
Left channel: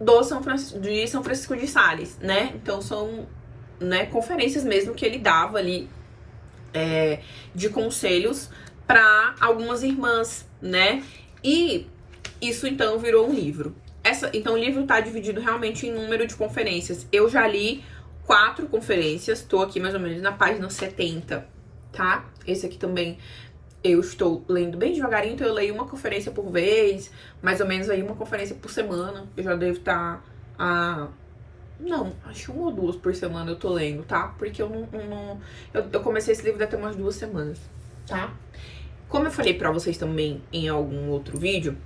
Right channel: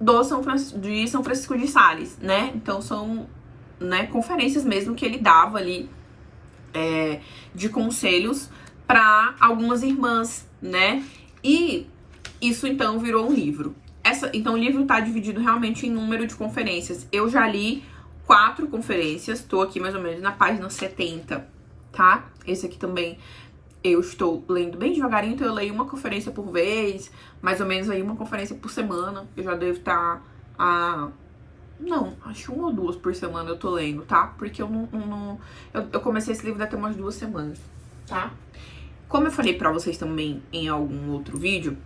de São Francisco de Sales, né? Então são, né, conferências mesmo que ele dava ali de conselhos para algumas irmãs, né? E isso então virou um livro. Então o livro tá dividido realmente em número de conferências. Eu já li 4 conferências, tô aqui mais ou menos na página 70, tá? Esse aqui também eu estou lendo bem devagarinho, então eu leio uma conferência por vez, mais ou menos aí uma conferência por semana. Eu já devo estar há Não, acho que 1 ou 2 por semana eu tô lendo, tá? Porque eu comecei esse livro deve ter umas 2 semanas, tá? Como eu falei pra vocês também em algum outro vídeo,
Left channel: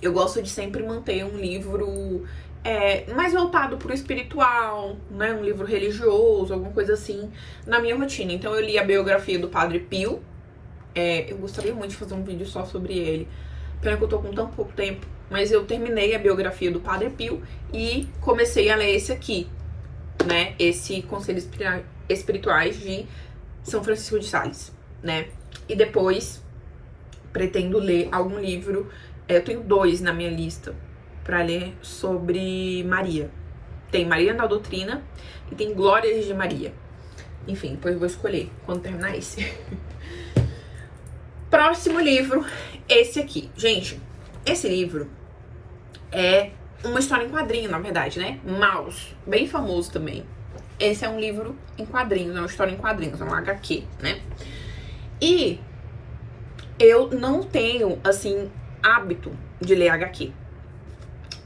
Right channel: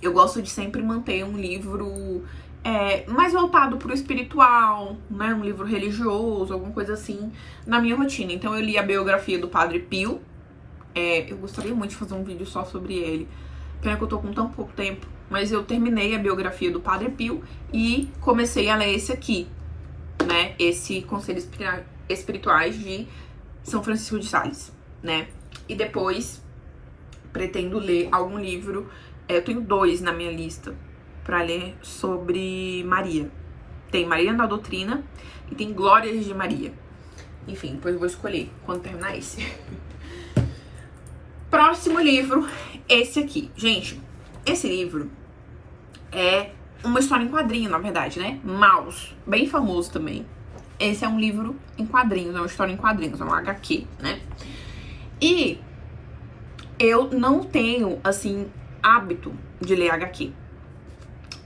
eu gosto de sempre manter um livro mais voltado pro espiritual, né? Um livro religioso, alguma coisa assim, na minha rotina. Então eu li a biografia do Padre Pio. Eu gostaria muito de fazer um vídeo só sobre ele. Pena que eu tô com tão pouco tempo. Mas eu terminei a biografia do Padre Pio e comecei a ler esse aqui, né? Esse Conselhos Espirituais de São Francisco de Sales, né? E depois pretendo ler algum livro. Eu tenho 2 na minha lista pra ler sobre Maria. Tem Maria na Doutrina e tem Glórias de Maria. Enfim, depois eu vou escolher quando terminar esse. Próximo livro, esse aqui. Gente, esse livro é uma história em quadrinho, na verdade, né? Maus, bem famoso também. Esse é um livro em quadrinhos, é uma história em quadrinhos, é um HQ, né? E eu não tenho, assim, hábito de ler HQ.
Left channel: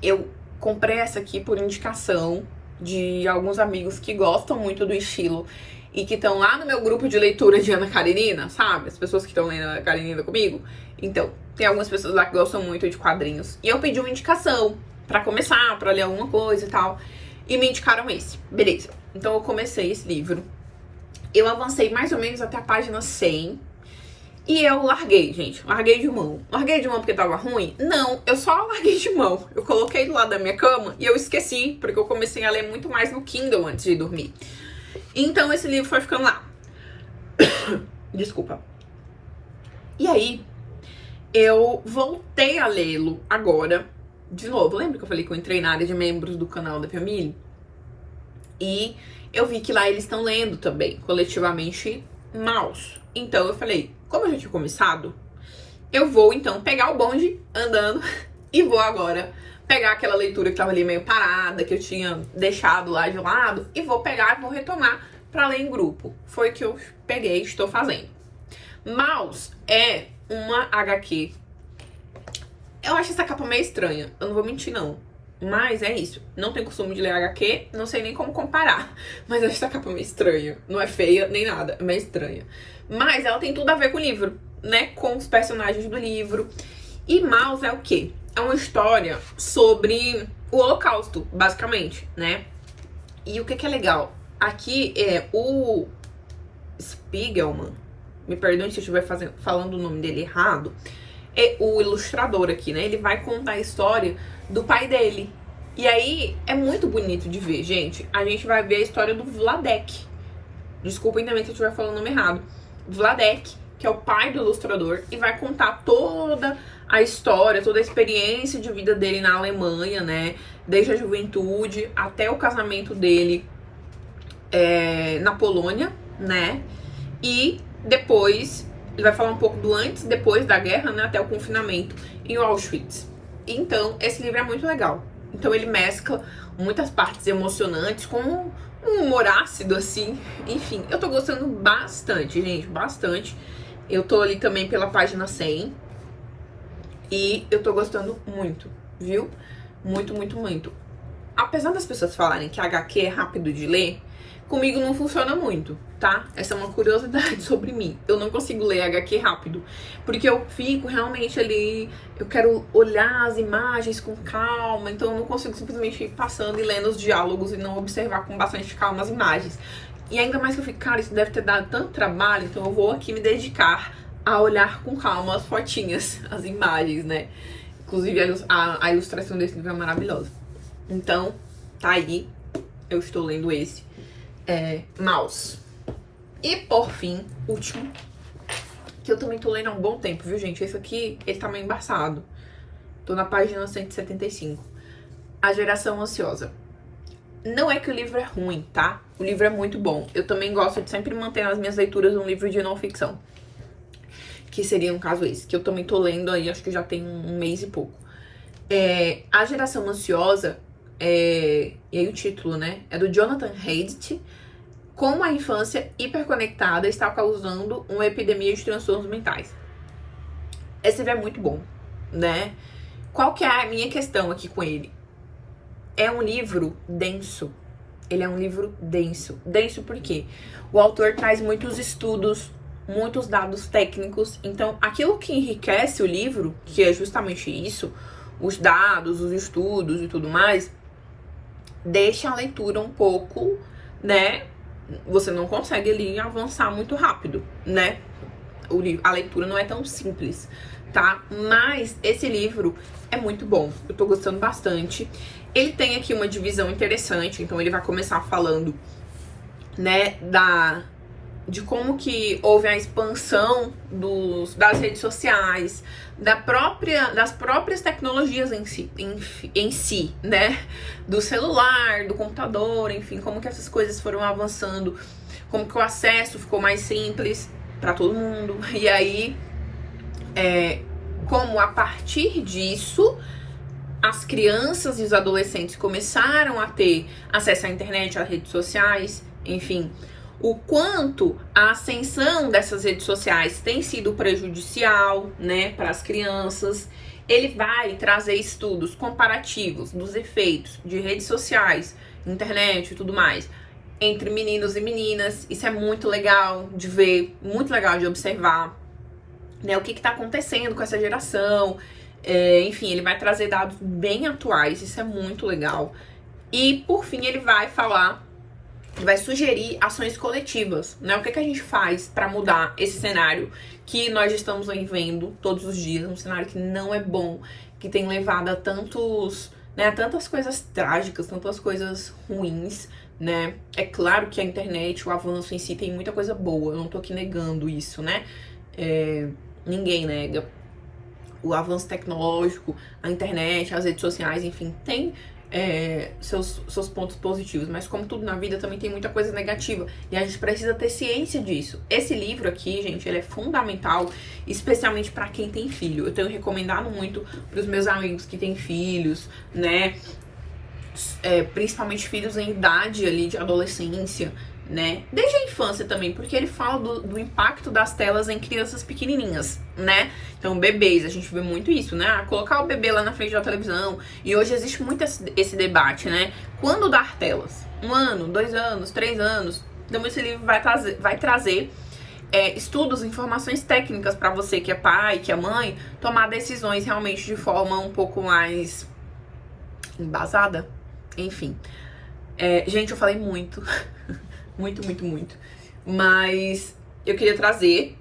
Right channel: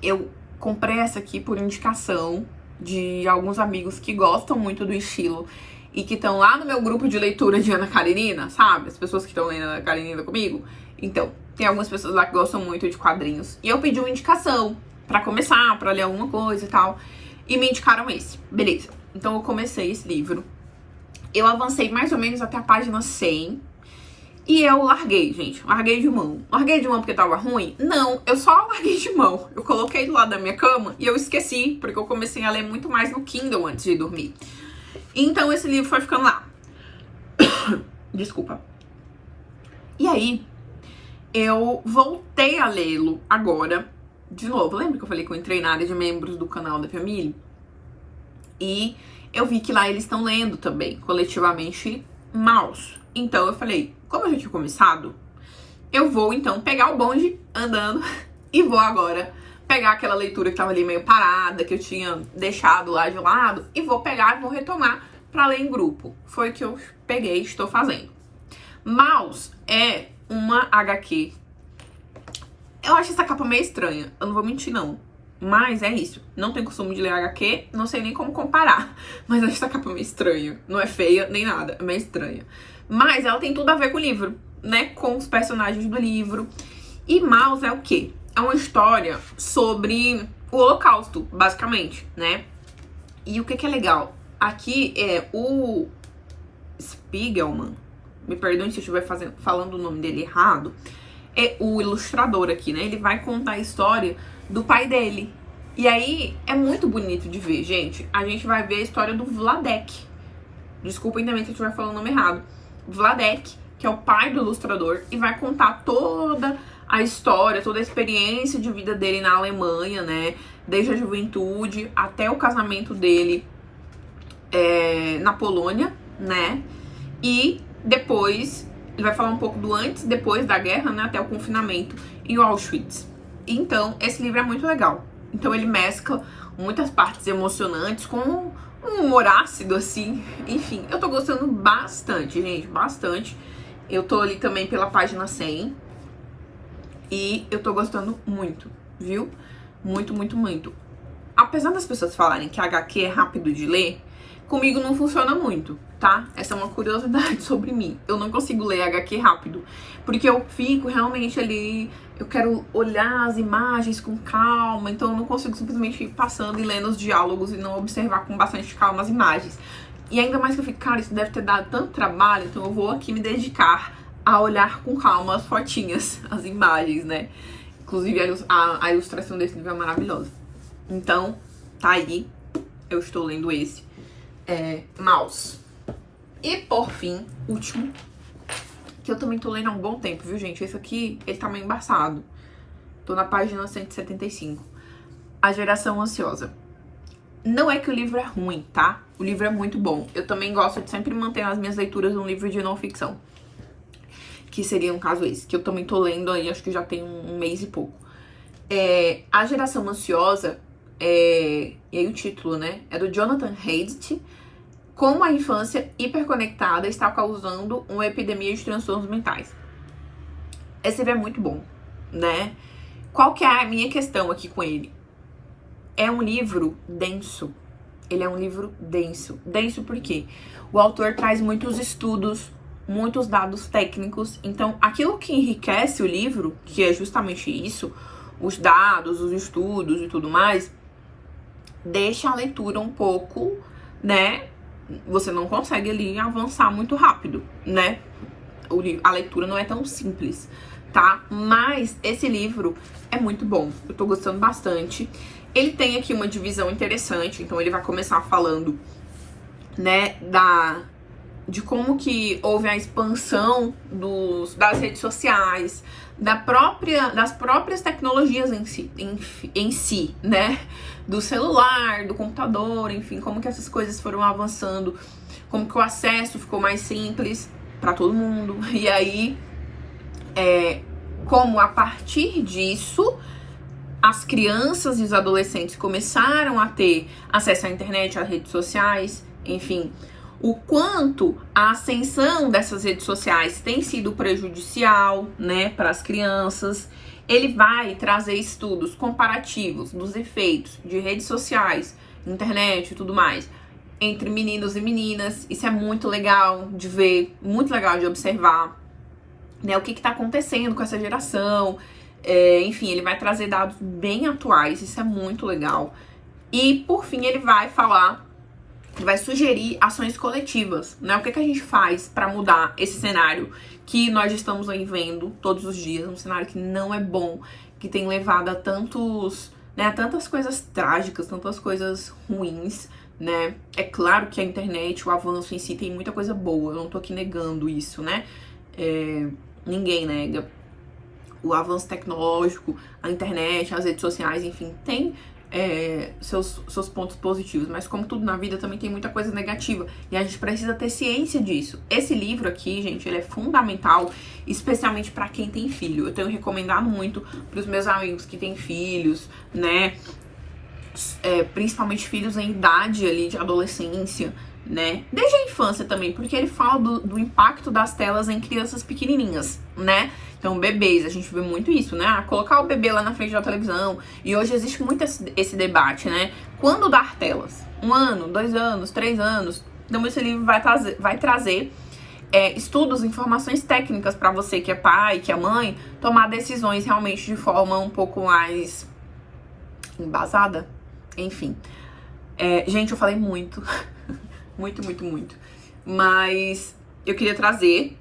Eu comprei essa aqui por indicação de alguns amigos que gostam muito do estilo e que estão lá no meu grupo de leitura de Ana Karenina, sabe? As pessoas que estão lendo Ana Karenina comigo. Então, tem algumas pessoas lá que gostam muito de quadrinhos. E eu pedi uma indicação pra começar, pra ler alguma coisa e tal. E me indicaram esse. Beleza. Então eu comecei esse livro. Eu avancei mais ou menos até a página 100. E eu larguei, gente. Larguei de mão. Larguei de mão porque tava ruim? Não, eu só larguei de mão. Eu coloquei do lado da minha cama e eu esqueci, porque eu comecei a ler muito mais no Kindle antes de dormir. Então esse livro foi ficando lá. Desculpa. E aí, eu voltei a lê-lo agora, de novo. Lembra que eu falei que eu entrei na área de membros do canal da família? E eu vi que lá eles estão lendo também, coletivamente, Maus. Então eu falei, como eu já tinha começado, eu vou então pegar o bonde andando e vou agora pegar aquela leitura que tava ali meio parada, que eu tinha deixado lá de lado, e vou pegar e vou retomar pra ler em grupo. Foi o que eu peguei e estou fazendo. Maus é uma HQ. Eu acho essa capa meio estranha, eu não vou mentir não. Mas é isso, não tenho costume de ler HQ, não sei nem como comparar. Mas eu acho essa capa meio estranha, não é feia nem nada, é meio estranha. Mas ela tem tudo a ver com o livro, né, com os personagens do livro. E Maus é o quê? É uma história sobre o Holocausto, basicamente, né? E o que é legal? Aqui é o Spiegelman, me perdoe se eu estiver falando o nome dele errado, é o ilustrador aqui, né? Ele vai contar a história do pai dele. E aí, é muito bonito de ver, gente. A gente vai ver a história do Vladek. Desculpem também se eu estiver falando o nome errado. Vladek, que é o pai do ilustrador, e vai contar toda a história, toda a experiência de vida dele na Alemanha, né? Desde a juventude até o casamento dele na Polônia, né? E depois, ele vai falar um pouco do antes e depois da guerra, né? Até o confinamento em Auschwitz. Então, esse livro é muito legal. Então, ele mescla muitas partes emocionantes com um humor ácido, assim. Enfim, eu tô gostando bastante, gente, bastante. Eu tô ali também pela página 100. E eu tô gostando muito, viu? Muito, muito, muito. Apesar das pessoas falarem que a HQ é rápido de ler, comigo não funciona muito, tá? Essa é uma curiosidade sobre mim. Eu não consigo ler HQ rápido, porque eu fico realmente ali, eu quero olhar as imagens com calma, então eu não consigo simplesmente ir passando e lendo os diálogos e não observar com bastante calma as imagens. E ainda mais que eu fico, cara, isso deve ter dado tanto trabalho, então eu vou aqui me dedicar a olhar com calma as fotinhas, as imagens, né? Inclusive a ilustração desse livro é maravilhosa. Então, tá aí, eu estou lendo esse. Maus. E por fim, último, que eu também tô lendo há um bom tempo, viu, gente? Esse aqui, ele tá meio embaçado. Tô na página 175. A Geração Ansiosa. Não é que o livro é ruim, tá? O livro é muito bom. Eu também gosto de sempre manter nas minhas leituras um livro de não ficção. Que seria um caso esse, que eu também tô lendo aí, acho que já tem um mês e pouco. A Geração Ansiosa, e aí o título, né? É do Jonathan Haidt. Como a infância hiperconectada está causando uma epidemia de transtornos mentais. Esse livro é muito bom, né? Qual que é a minha questão aqui com ele? é um livro denso. Ele é um livro denso. Denso por quê? O autor traz muitos estudos, muitos dados técnicos. Então, aquilo que enriquece o livro, que é justamente isso, os dados, os estudos e tudo mais, deixa a leitura um pouco, né? Você não consegue ali avançar muito rápido, né? A leitura não é tão simples, tá? Mas esse livro é muito bom, eu tô gostando bastante. Ele tem aqui uma divisão interessante, então ele vai começar falando, né, de como que houve a expansão das redes sociais, das próprias tecnologias em si, né? Do celular, do computador, enfim, como que essas coisas foram avançando, como que o acesso ficou mais simples para todo mundo. E aí, como a partir disso, as crianças e os adolescentes começaram a ter acesso à internet, às redes sociais, enfim, o quanto a ascensão dessas redes sociais tem sido prejudicial, né, para as crianças. Ele vai trazer estudos comparativos dos efeitos de redes sociais, internet e tudo mais, entre meninos e meninas. Isso é muito legal de ver, muito legal de observar, né, o que está acontecendo com essa geração. Enfim, ele vai trazer dados bem atuais, isso é muito legal. E, por fim, ele vai sugerir ações coletivas, né? O que a gente faz para mudar esse cenário que nós estamos aí vendo todos os dias, um cenário que não é bom, que tem levado a tantas coisas trágicas, tantas coisas ruins, né? É claro que a internet, o avanço em si tem muita coisa boa, eu não tô aqui negando isso, né? Ninguém nega o avanço tecnológico, a internet, as redes sociais, enfim, tem seus pontos positivos, mas como tudo na vida também tem muita coisa negativa e a gente precisa ter ciência disso. Esse livro aqui, gente, ele é fundamental, especialmente para quem tem filho. Eu tenho recomendado muito para os meus amigos que têm filhos, né, principalmente filhos em idade ali de adolescência, né, desde a infância também, porque ele fala do impacto das telas em crianças pequenininhas, né? Então, bebês, a gente vê muito isso, né? Colocar o bebê lá na frente da televisão. E hoje existe muito esse debate, né? Quando dar telas? 1 ano, 2 anos, 3 anos? Então, esse livro vai trazer estudos, informações técnicas para você que é pai, que é mãe, tomar decisões realmente de forma um pouco mais embasada. Enfim. Gente, eu falei muito. muito. Mas eu queria trazer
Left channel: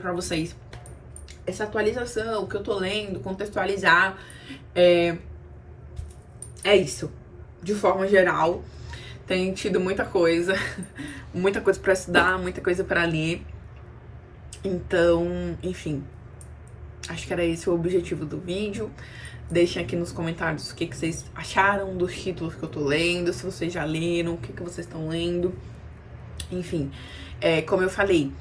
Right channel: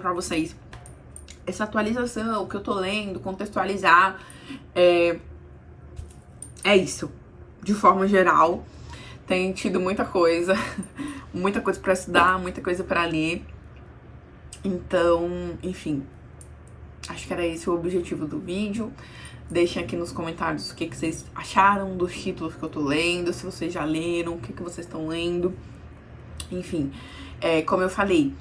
pra vocês essa atualização que eu tô lendo, contextualizar. É isso. De forma geral, tem tido muita coisa pra estudar, muita coisa pra ler. Então, enfim, acho que era esse o objetivo do vídeo. Deixem aqui nos comentários o que vocês acharam dos títulos que eu tô lendo, se vocês já leram, o que vocês estão lendo. Enfim, como eu falei,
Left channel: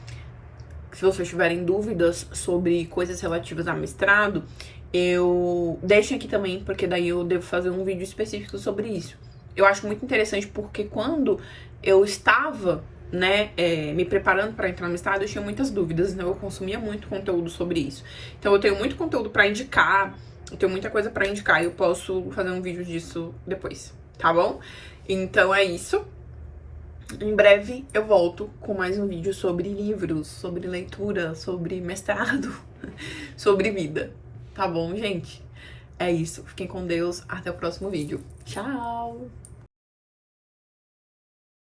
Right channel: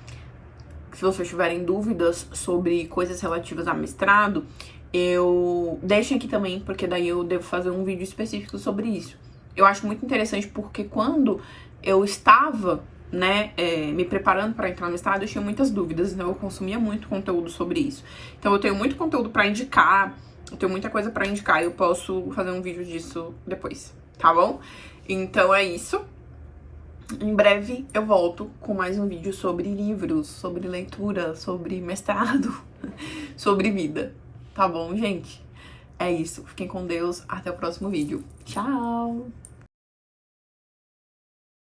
se vocês tiverem dúvidas sobre coisas relativas a mestrado, deixem aqui também, porque daí eu devo fazer um vídeo específico sobre isso. Eu acho muito interessante porque quando eu estava, né, me preparando para entrar no mestrado, eu tinha muitas dúvidas, né? Eu consumia muito conteúdo sobre isso. Então eu tenho muito conteúdo para indicar, eu tenho muita coisa pra indicar, eu posso fazer um vídeo disso depois, tá bom? Então é isso. Em breve eu volto com mais um vídeo sobre livros, sobre leitura, sobre mestrado, sobre vida, tá bom, gente? É isso. Fiquem com Deus. Até o próximo vídeo. Tchau!